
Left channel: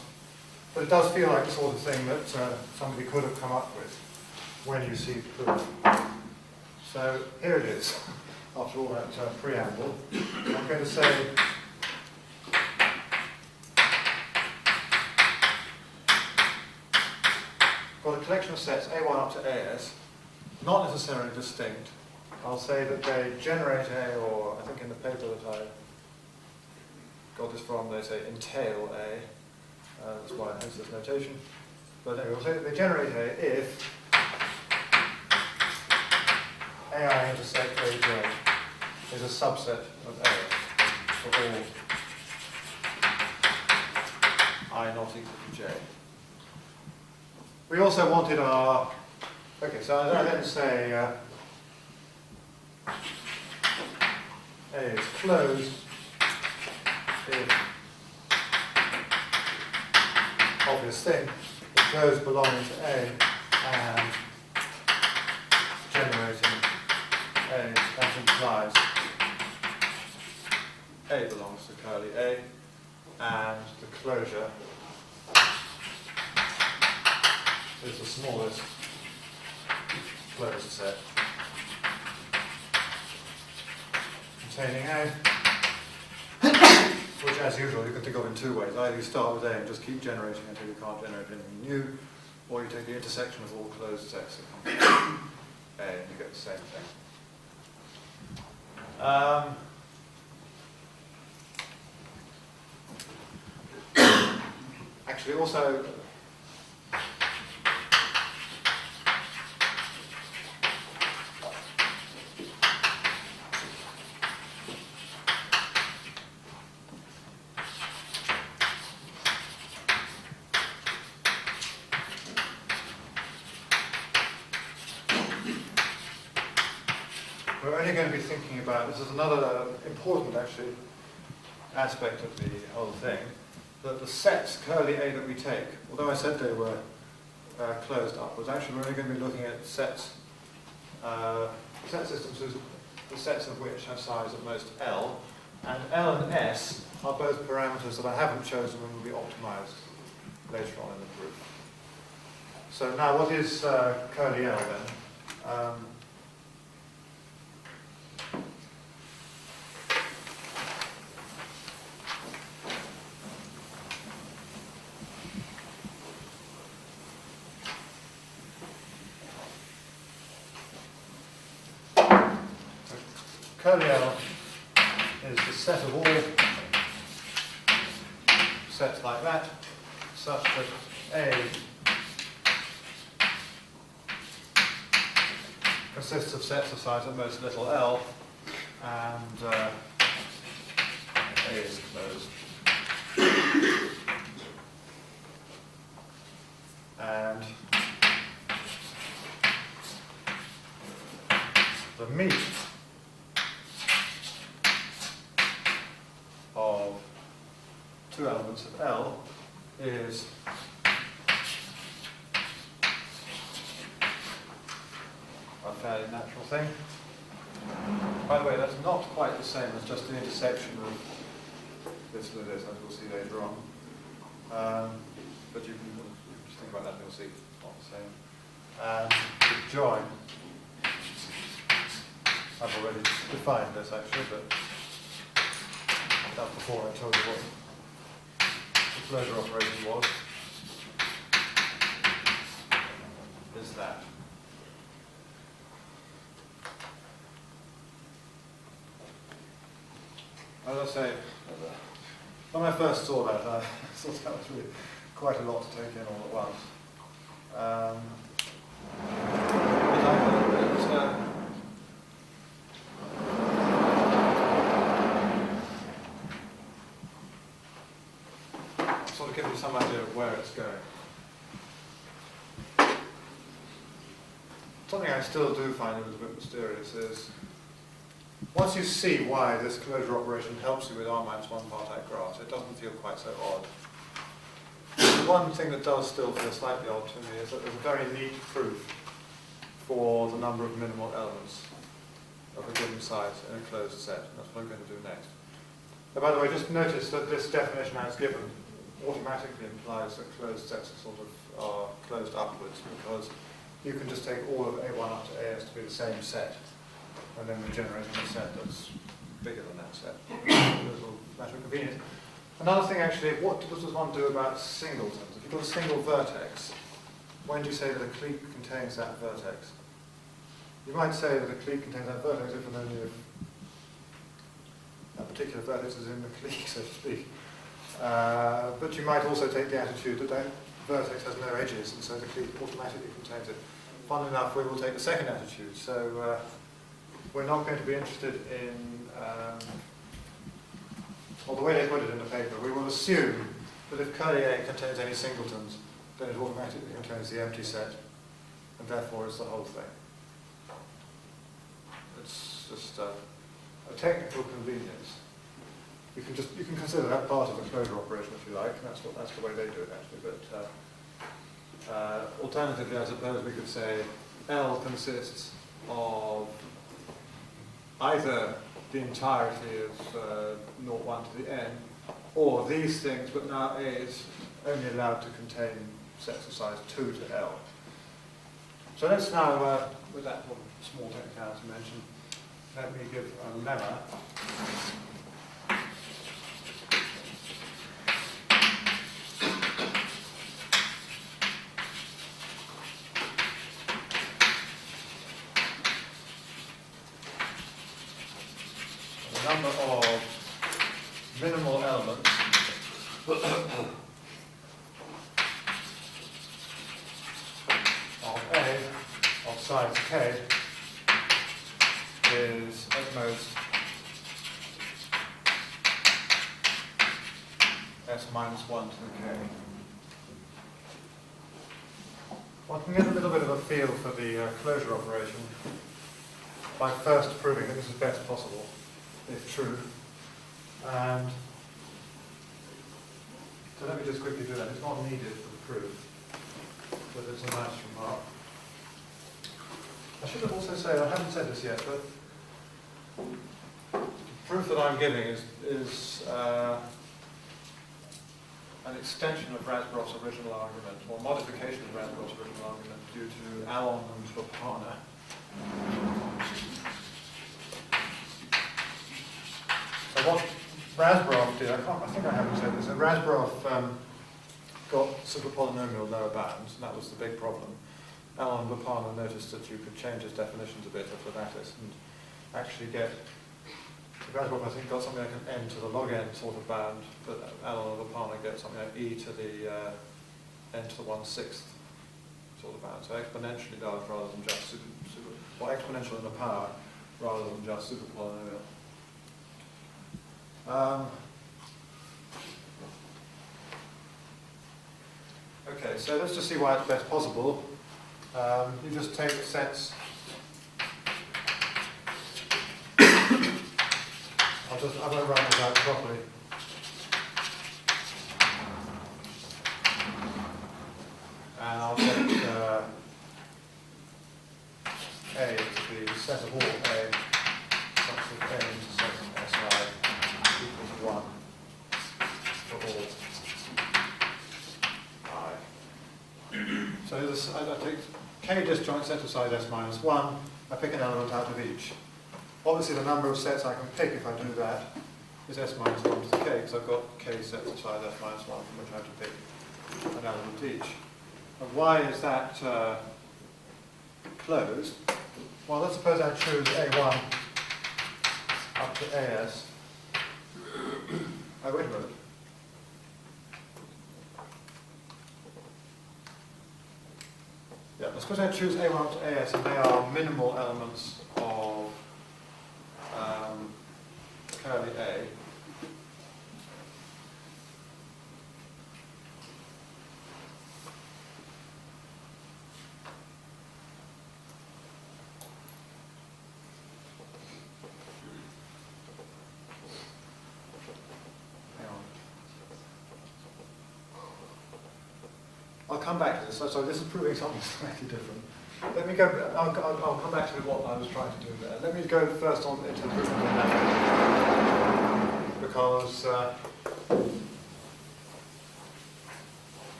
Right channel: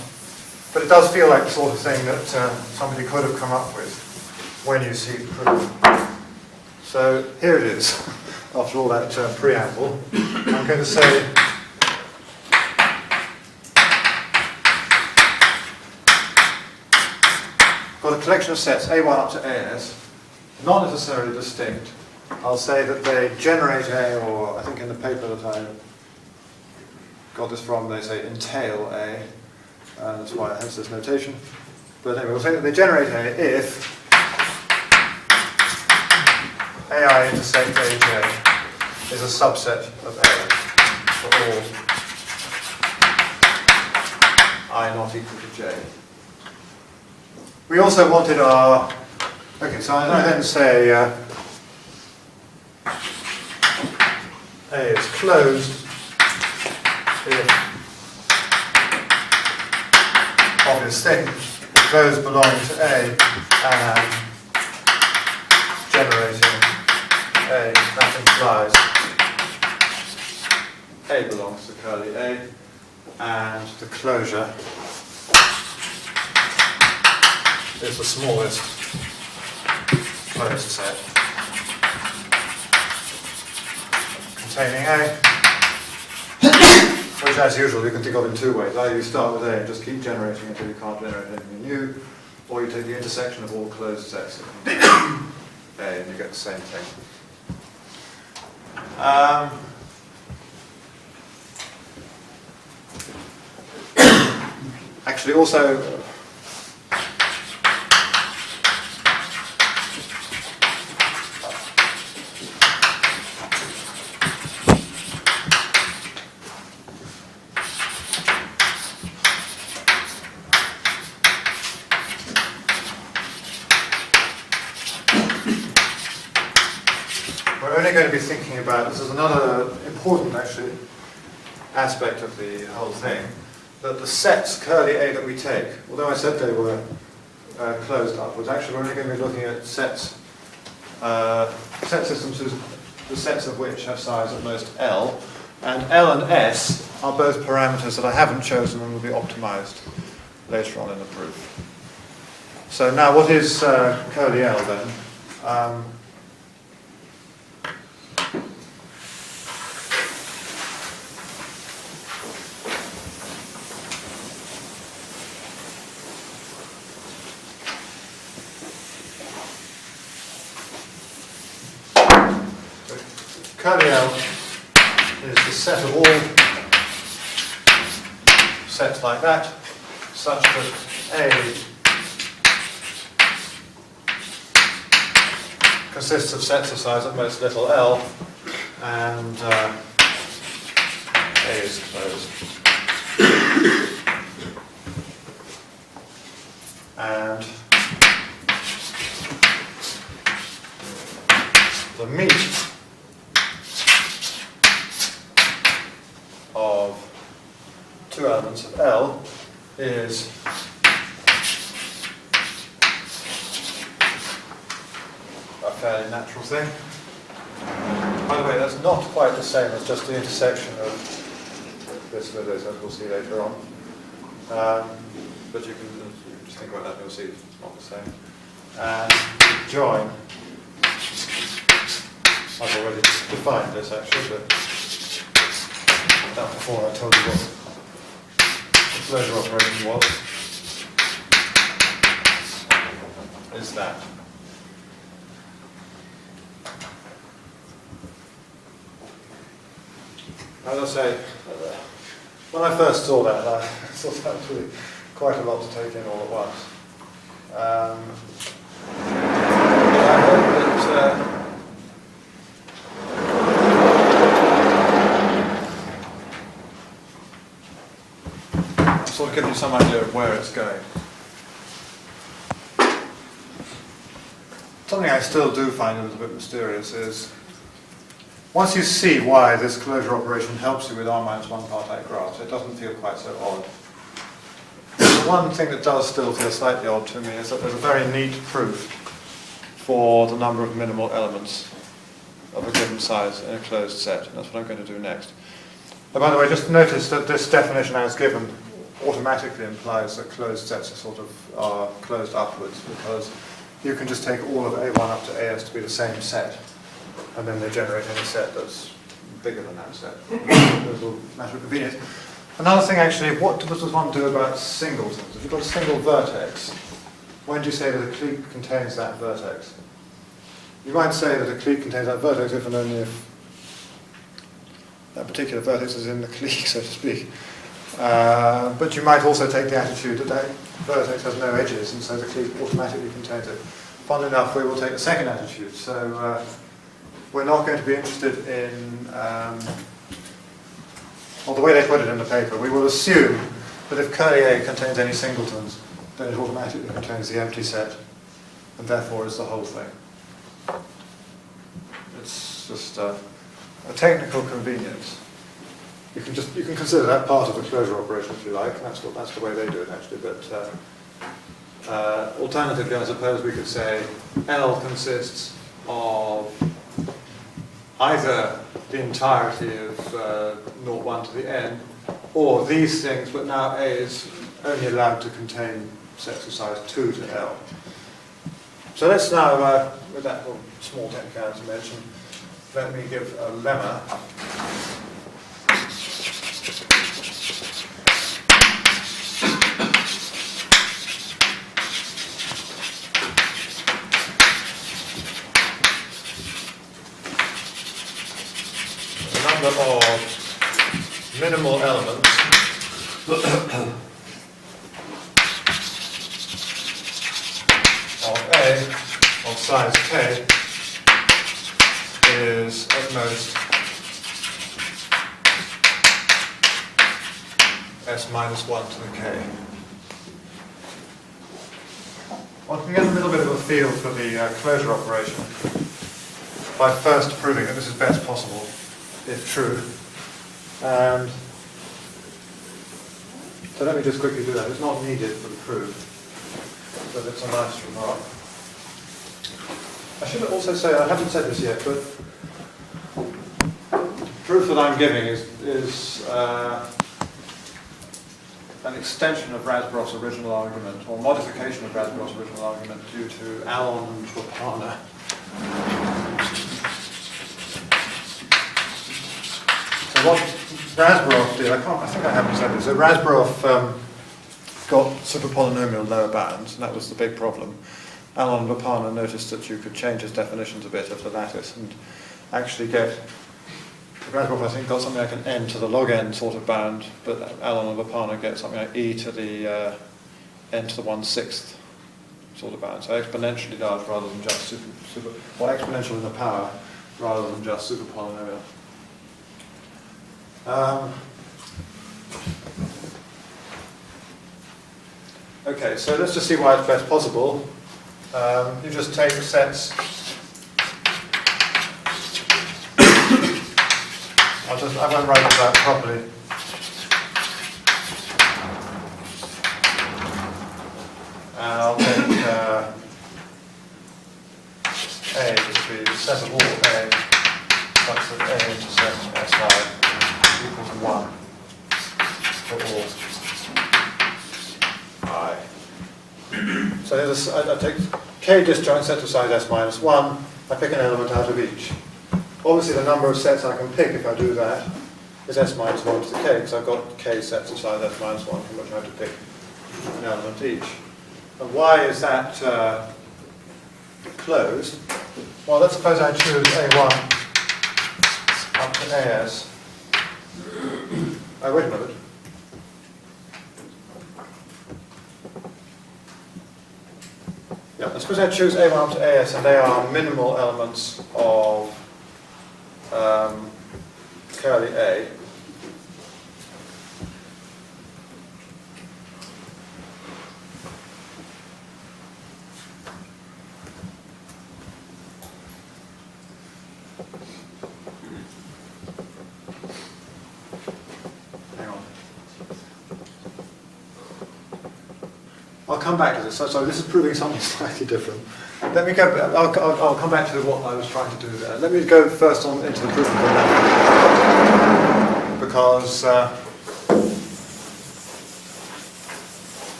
But it does feel like the sort of thing that somebody could have come up with when you see the proof. So here it is, after all that preamble. I'm going to say got a collection of sets, A1 up to AS, not necessarily distinct. I'll say that they generate A, or I think in the paper that I got this from, they say entail A. That's why it has this notation. But anyway, we'll say that they generate A if AI intersect AJ is a subset of A for all I not equal to J. We also wanted our, okay, so I then say A is closed if obvious thing, those belonging to A and generating A, that implies A belongs to curly A, and the closure is the smallest closed set containing A, which as usual you can think of in two ways. Either you start with A and just keep generating until you can't generate anything new, or you take the intersection of all closed sets that contain A and you get the same thing. Actually also, we're only going to be thinking about, this is another important actually aspect of the whole thing, that the sets curly A that we take, although I said they were closed upwards, actually we're only going to be looking at sets, set systems whose, the sets of which have size at most L, and L and S are both parameters that I haven't chosen and will be optimized later on in the proof. So now what is curly L then? Curly L is the set of all sets like that, such that A consists of sets of size at most little l, and A is closed. And the meat of two elements of L is a fairly natural thing. By the way, that's not quite the same as just the intersection of this with this, as we'll see later on. But you can just think about that and you'll see it's not the same. And join, I've already defined this actually, but that before I told you what the closure operation was, is that. As I say, when I first saw that, I thought that was really quite a lot to take in all at once. Sort of gives you some idea of where it's going. Something I still do find a little bit mysterious is, once you see why this closure operation helps you with R-1 part A graphs, it doesn't feel quite so odd. The one thing that does still feel slightly odd to me is that there's a very neat proof for the number of minimal elements of a given size in a closed set, and that's what I'm going to do next. And by the way, just notice that this definition as given automatically implies that closed sets are sort of closed upwards, because you can just take all of A1 up to AS to be the same set, and then they generate any set that's bigger than that set. It's a matter of convenience. Another thing actually, what does one do about singletons? If you've got a single vertex, when do you say that a clique contains that vertex? You might say that a clique contains that vertex if and only if that particular vertex is in the clique, so to speak. But you might also take the attitude that that vertex has no edges, and so the Clique automatically contains it. Funnily enough, we will take the second attitude. So we're not going to be interested in, well, the way they put it in the paper, we will assume that if curly A contains any singletons, then it automatically contains the empty set, and therefore is the whole thing. It's just a technical convenience. You can consider that part of the closure operation if you like, and that's the way they do it actually. But alternatively, I suppose we could say L consists of either the entirety of 0, 1 to the n, or these things, but now A is only allowed to contain sets of size 2 to L. So let's now, with that small technicality mention, let me give a lemma. The number of minimal elements of A of size k is at most s minus 1 to the k. One can get a little bit of a feel for the closure operation by first proving that this is best possible if true. And so let me just quickly do that. It's not needed for the proof, but it's a nice remark. I should also say, I haven't said this yet, but the proof that I'm giving is an extension of Razborov's original argument, or modification of Razborov's original argument due to Alon and Bopana. So what Razborov did, I think I haven't said this, so Razborov got superpolynomial lower bounds, and that was the big problem. Alon and Bopana noticed that you could change his definitions a bit of the lattice and actually get, Razborov I think got something like an n to the log n sort of bound, but Alon and Bopana get something like e to the n to the 1/6 sort of bound, so exponentially large rather than just or exponential in the power rather than just superpolynomial. Okay, so let's just see why it's best possible. You just take sets. I won't write it down properly. And I'll take A to be the set of all A such that A intersects Si equals 1 for all I. So here's I take K disjoint set of size S minus 1, I pick an element out of each. Obviously the number of sets I can pick if I do that is S minus 1 to the K, because I've got K sets of size S minus 1 from which I have to pick an element each. And why is that closed? Well, let's suppose I choose A1 up to AS. Oh, wait a minute. Yeah, let's suppose I choose A1 up to AS, and they are minimal elements of curly A. I'll come back to this. So this is proving something slightly different. Let me go. I'll come back to what I was trying to do there. Let me go first on into the proof of the lemma, because that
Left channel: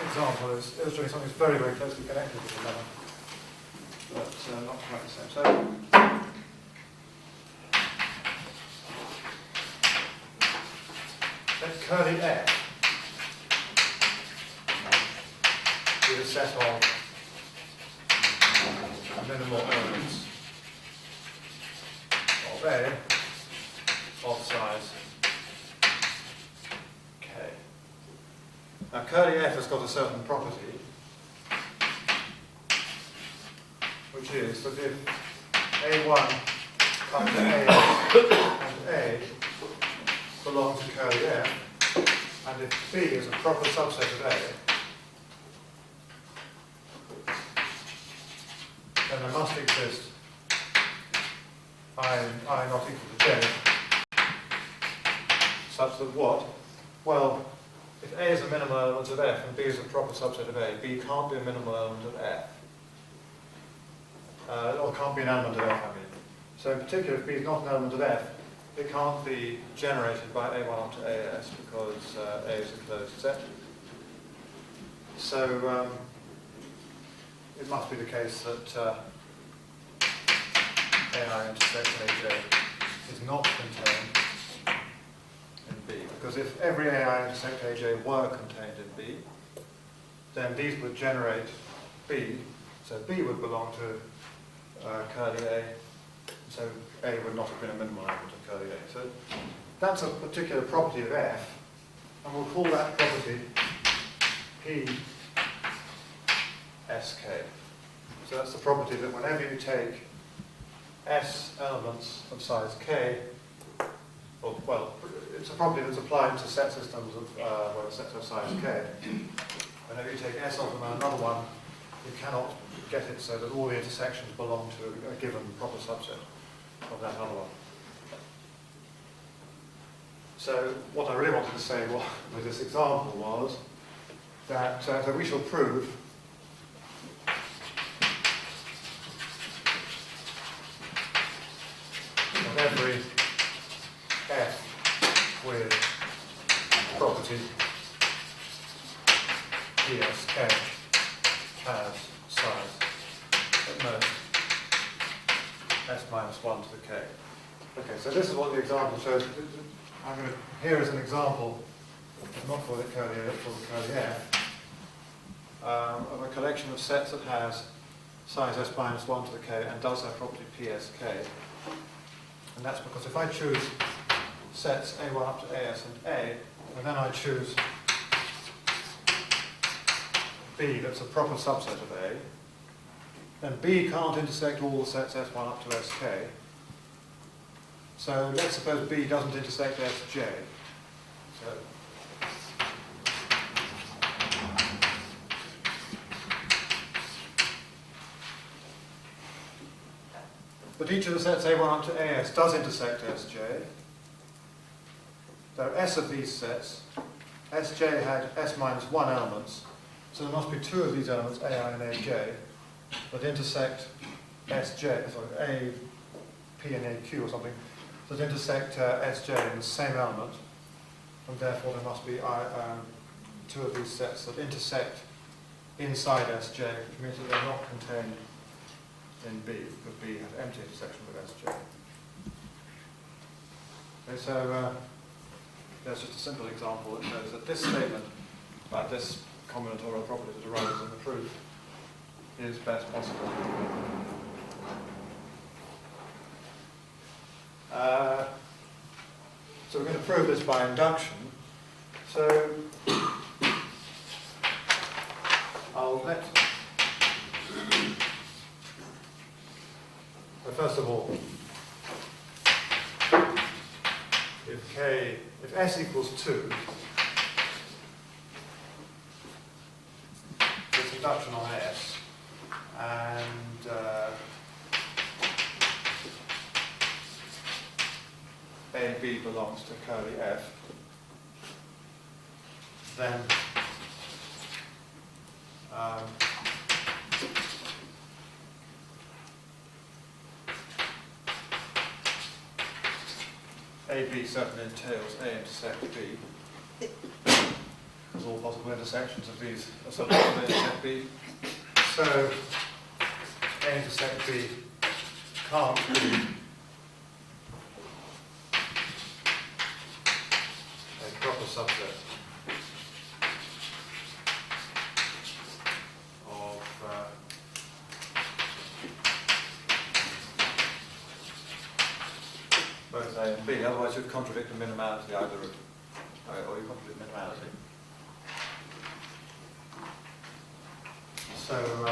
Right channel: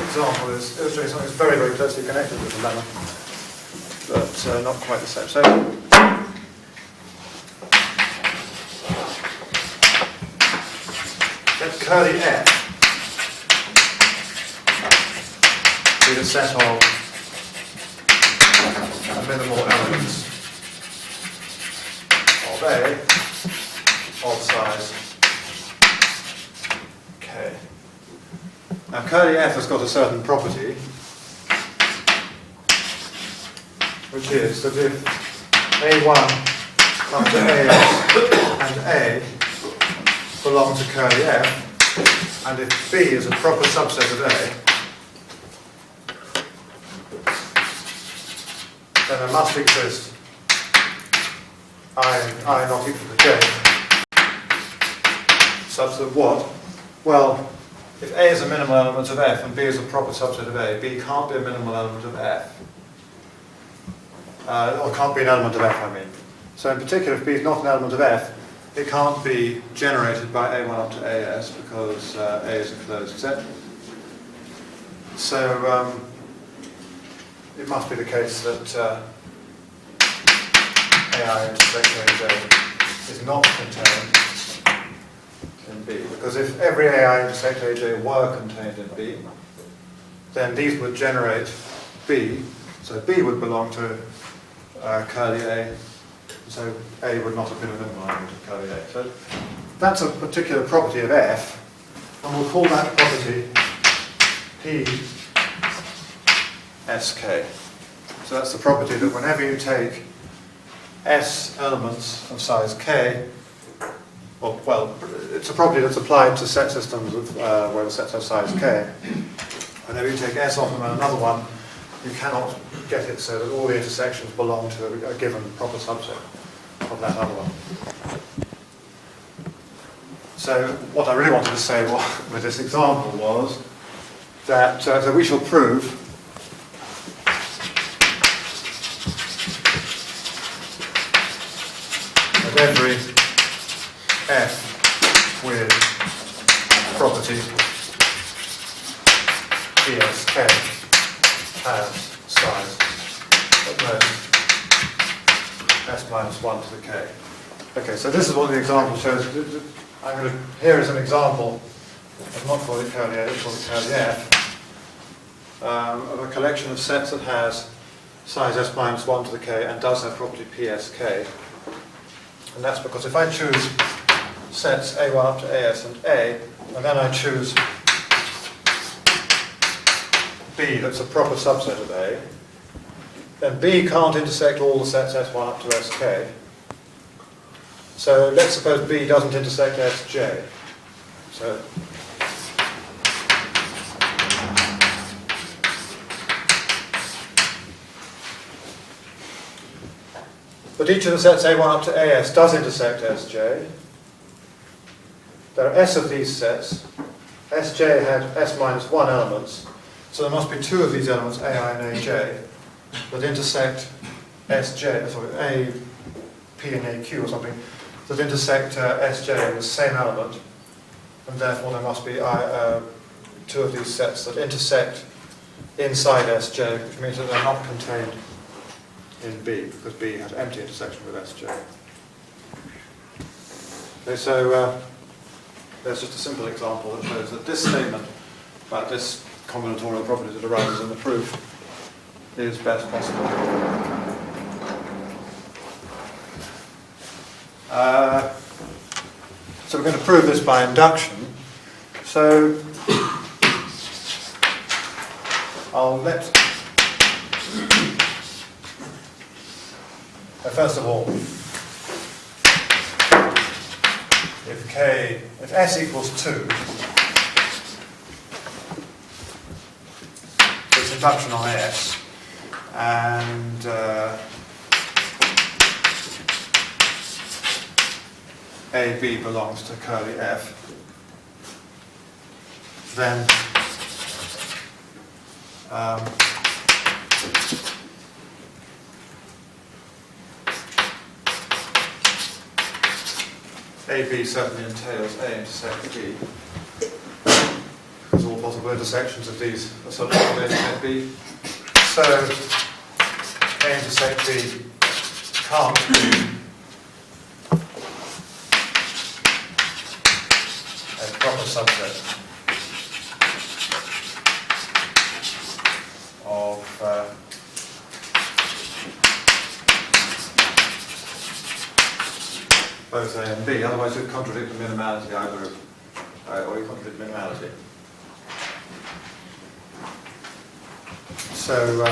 example is illustrating something that's very, very closely connected with the lemma, but not quite the same. So. Let curly F be the set of minimal elements of A of size k. Now curly f has got a certain property, which is that if A1 up to AS and A belong to curly f, and if B is a proper subset of A, then there must exist I not equal to j, such that what? Well, if A is a minimal element of f and B is a proper subset of A, B can't be a minimal element of f. Or can't be an element of f, I mean. So in particular, if B is not an element of f, it can't be generated by A1 up to AS because A is a closed set. So it must be the case that AI intersect AJ is not contained in B. Because if every AI intersect AJ were contained in B, then these would generate B. So B would belong to curly A. So A would not have been a minimal element of curly A. So that's a particular property of F, and we'll call that property PSK. So that's the property that whenever you take S elements of size K, well, it's a property that's applied to set systems of, where the sets have size K. Whenever you take S of them and another one, you cannot get it so that all the intersections belong to a given proper subset of that other one. So what I really wanted to say with this example was that so we shall prove that every f with property PSK has size at most s minus 1 to the k. Okay, so this is what the example shows. I'm going to, here is an example, I'm not calling it curly A, it's called curly f, of a collection of sets that has size s minus 1 to the k and does have property PSK. And that's because if I choose sets A1 up to AS and A, and then I choose B that's a proper subset of A, then B can't intersect all the sets S1 up to SK. So let's suppose B doesn't intersect Sj. So but each of the sets A1 up to AS does intersect Sj. There are S of these sets. Sj had S minus 1 elements, so there must be 2 of these elements, Ai and Aj, that intersect Sj, sorry, A, P and AQ or something, that intersect Sj in the same element, and therefore there must be 2 of these sets that intersect inside Sj, which means that they're not contained in B, because B has empty intersection with Sj. Okay, so there's just a simple example that shows that this statement about this combinatorial property that arises in the proof is best possible. So we're going to prove this by induction. So I'll let, first of all, if S equals 2, it's induction on S, and AB belongs to curly F, then AB certainly entails A intersect B, because all possible intersections of these are subject to A intersect B. So A intersect B can't be a proper subset of both A and B, otherwise you'd contradict the minimality either of, or you contradict minimality. So,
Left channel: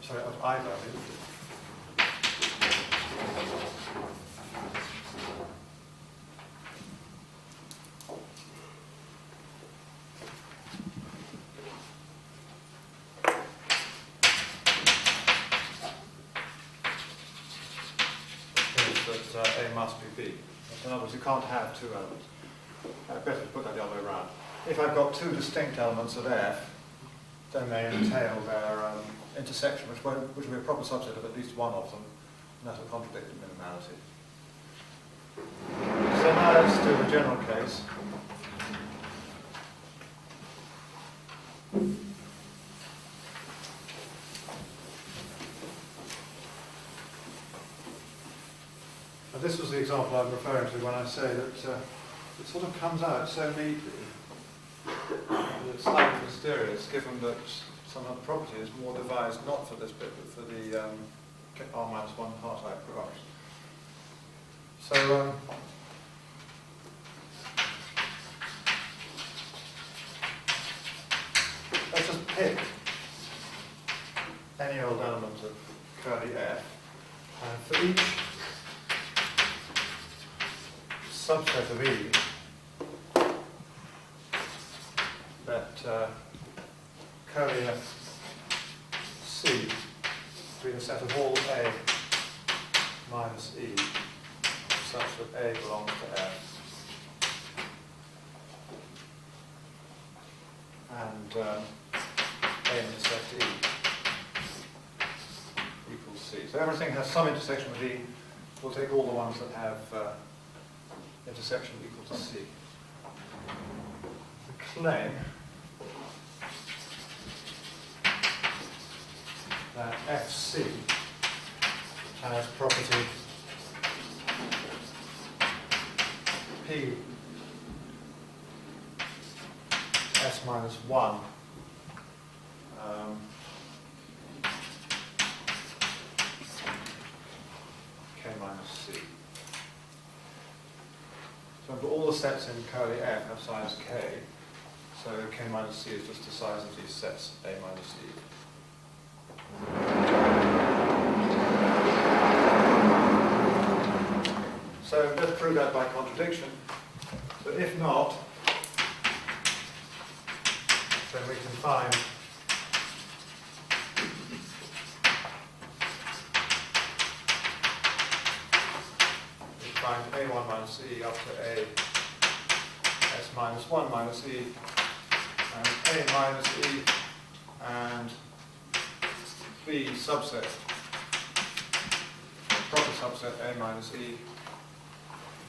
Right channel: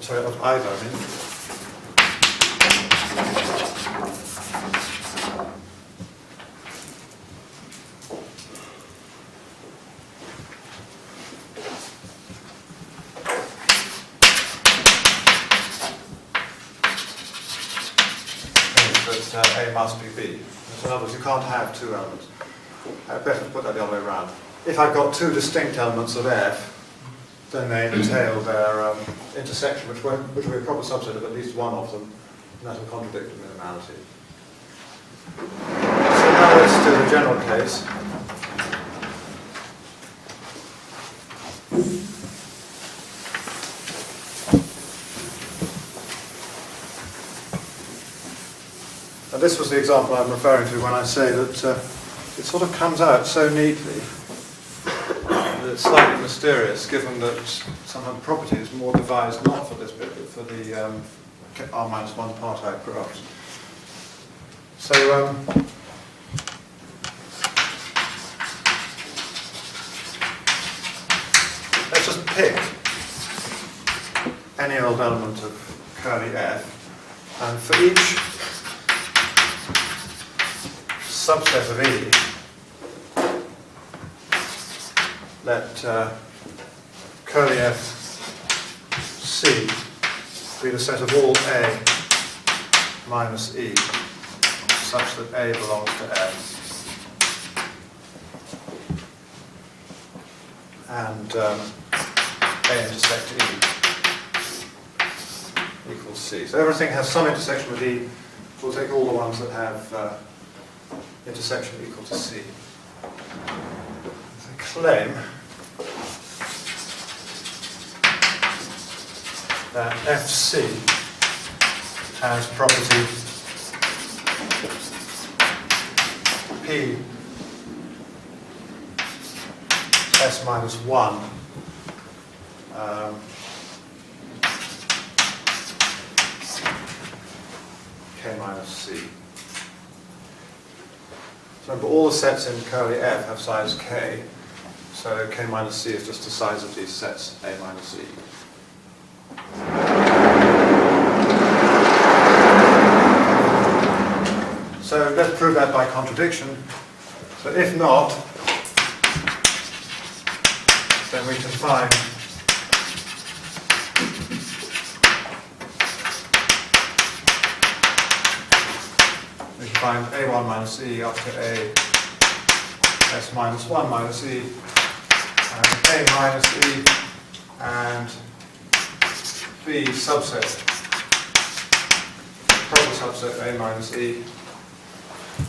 sorry, of either, I mean. That A must be B. In other words, you can't have two elements. Better to put that the other way around. If I've got two distinct elements of F, then they entail their intersection, which will be a proper subset of at least one of them, and that will contradict the minimality. So now let's do the general case. And this was the example I'm referring to when I say that it sort of comes out so neatly that it's slightly mysterious, given that somehow the property is more devised not for this bit, but for the R-1 part-out graphs. So let's just pick any old element of curly F, and for each subset of E, let curly F C be the set of all A minus E, such that A belongs to F, and A intersect E equals C. So everything has some intersection with E. We'll take all the ones that have intersection equal to C. The claim that FC has property P S minus 1 K minus C. Remember, all the sets in curly F have size K, so K minus C is just the size of these sets, A minus E. So let's prove that by contradiction. But if not, then we can find A1 minus E up to A S minus 1 minus E, and A minus E and B subset, proper subset A minus E,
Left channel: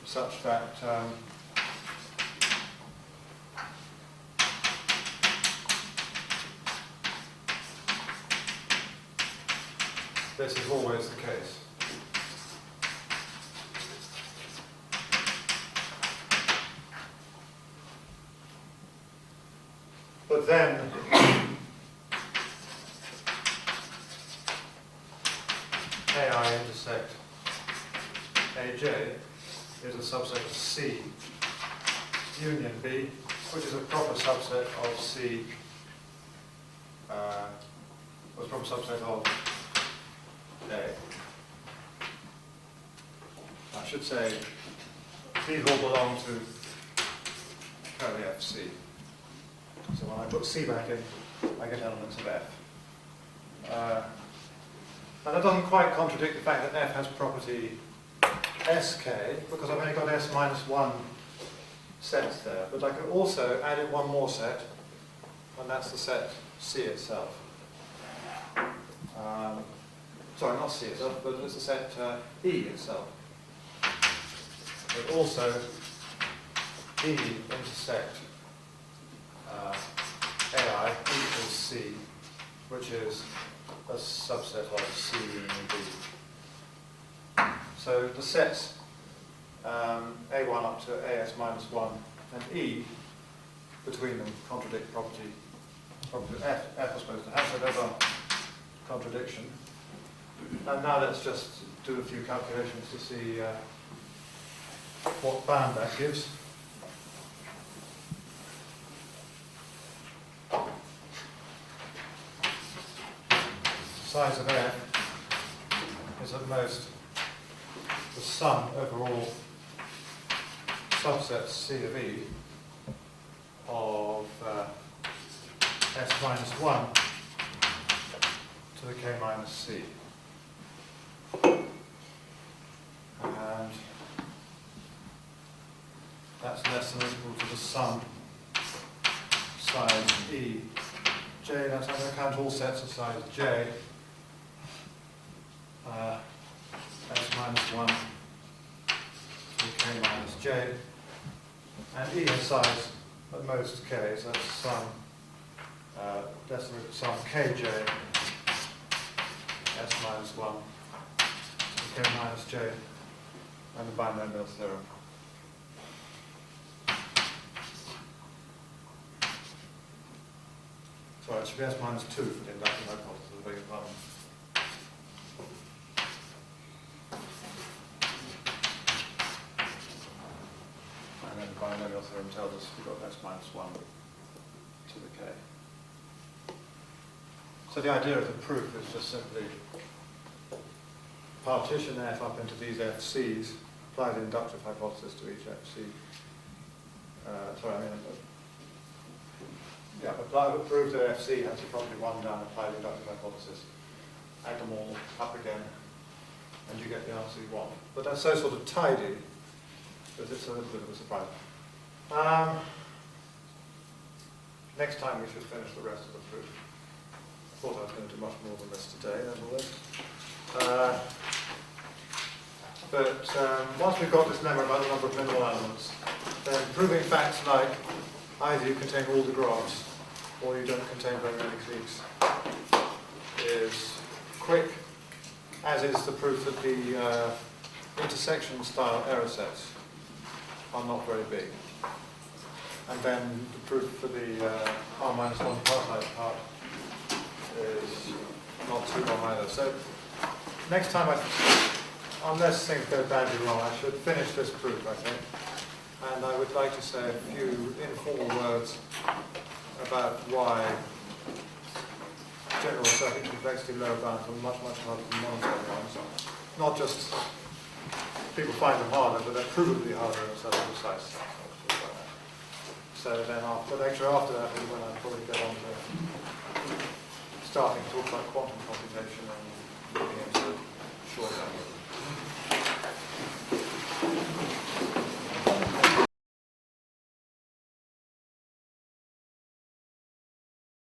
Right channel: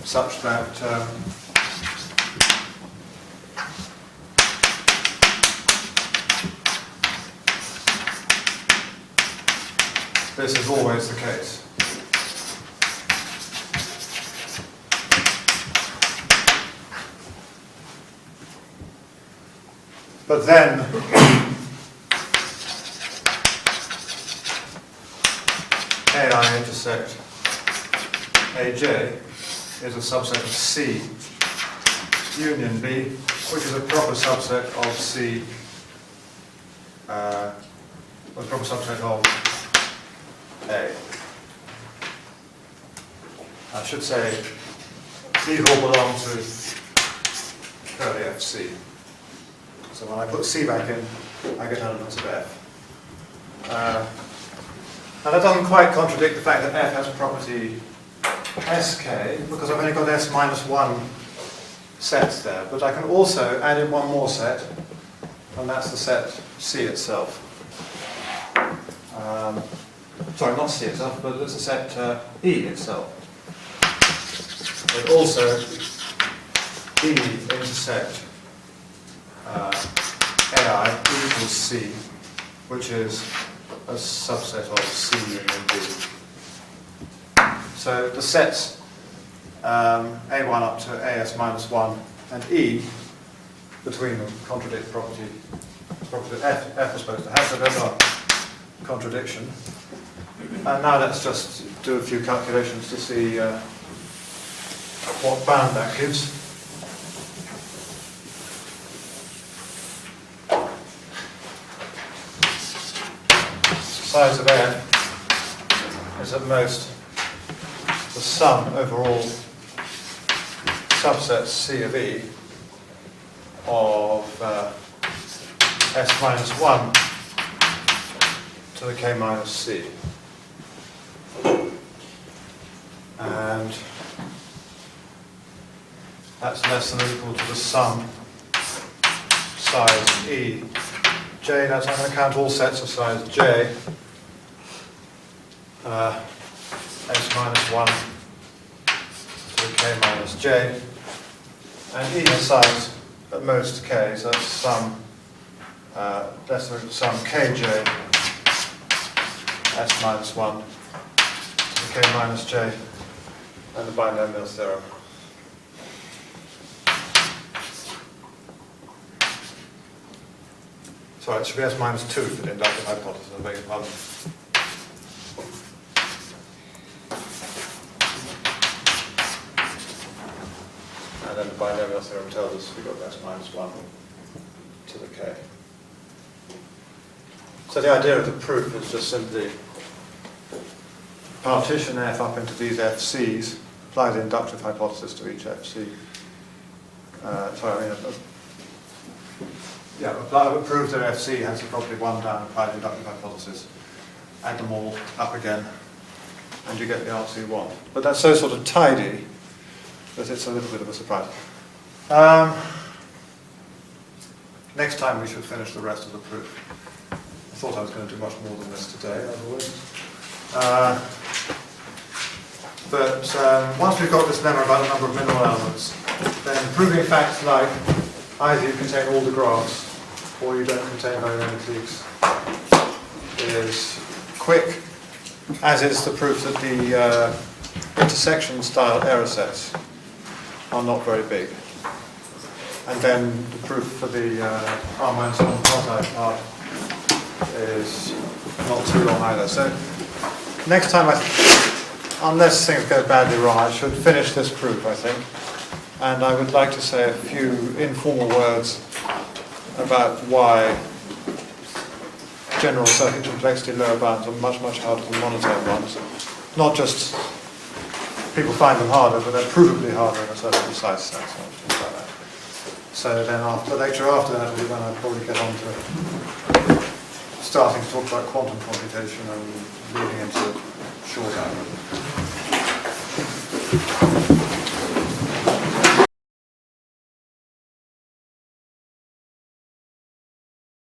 such that this is always the case. But then AI intersect AJ is a subset of C union B, which is a proper subset of C, a proper subset of A. I should say these all belong to curly FC. So when I put C back in, I get elements of F. And that doesn't quite contradict the fact that F has property SK, because I've only got S minus 1 sets there. But I can also add in one more set, and that's the set C itself. Sorry, not C itself, but it's the set E itself. But also E intersect AI equals C, which is a subset of C union B. So the sets A1 up to AS minus 1 and E between them contradict property property that F was supposed to have, so there's our contradiction. And now let's just do a few calculations to see what bound that gives. Size of F is at most the sum over all subsets C of E of S minus 1 to the K minus C. And that's less than or equal to the sum size E. J, that's, I'm going to count all sets of size J. S minus 1 to the K minus J. And E has size at most K, so that's sum, less than or equal to sum Kj S minus 1 to the K minus J and the binomial theorem. Sorry, it should be S minus 2 for the inductive hypothesis, I beg your pardon. And then the binomial theorem tells us we've got S minus 1 to the K. So the idea of the proof is just simply partition F up into these FCs, apply the inductive hypothesis to each FC. Prove that FC has the property 1 down, apply the inductive hypothesis, add them all up again, and you get the answer you want. But that's so sort of tidy that it's a little bit of a surprise. Next time we should finish the rest of the proof. I thought I was going to do much more than this today, as always. But once we've got this lemma about the number of minimal elements, then proving facts like either you contain all the graphs or you don't contain very many cliques is quick, as is the proof that the intersection style error sets are not very big. And then the proof for the R minus 1 quasi part is not too long either. So next time, unless things go badly wrong, I should finish this proof, I think. And I would like to say a few informal words about why general circuit complexity lower bounds are much, much harder than monotone ones. Not just people find them harder, but they're provably harder in a certain precise sense. Things like that. So then after the lecture after that will be when I'll probably get on to starting to talk about quantum computation and leading into short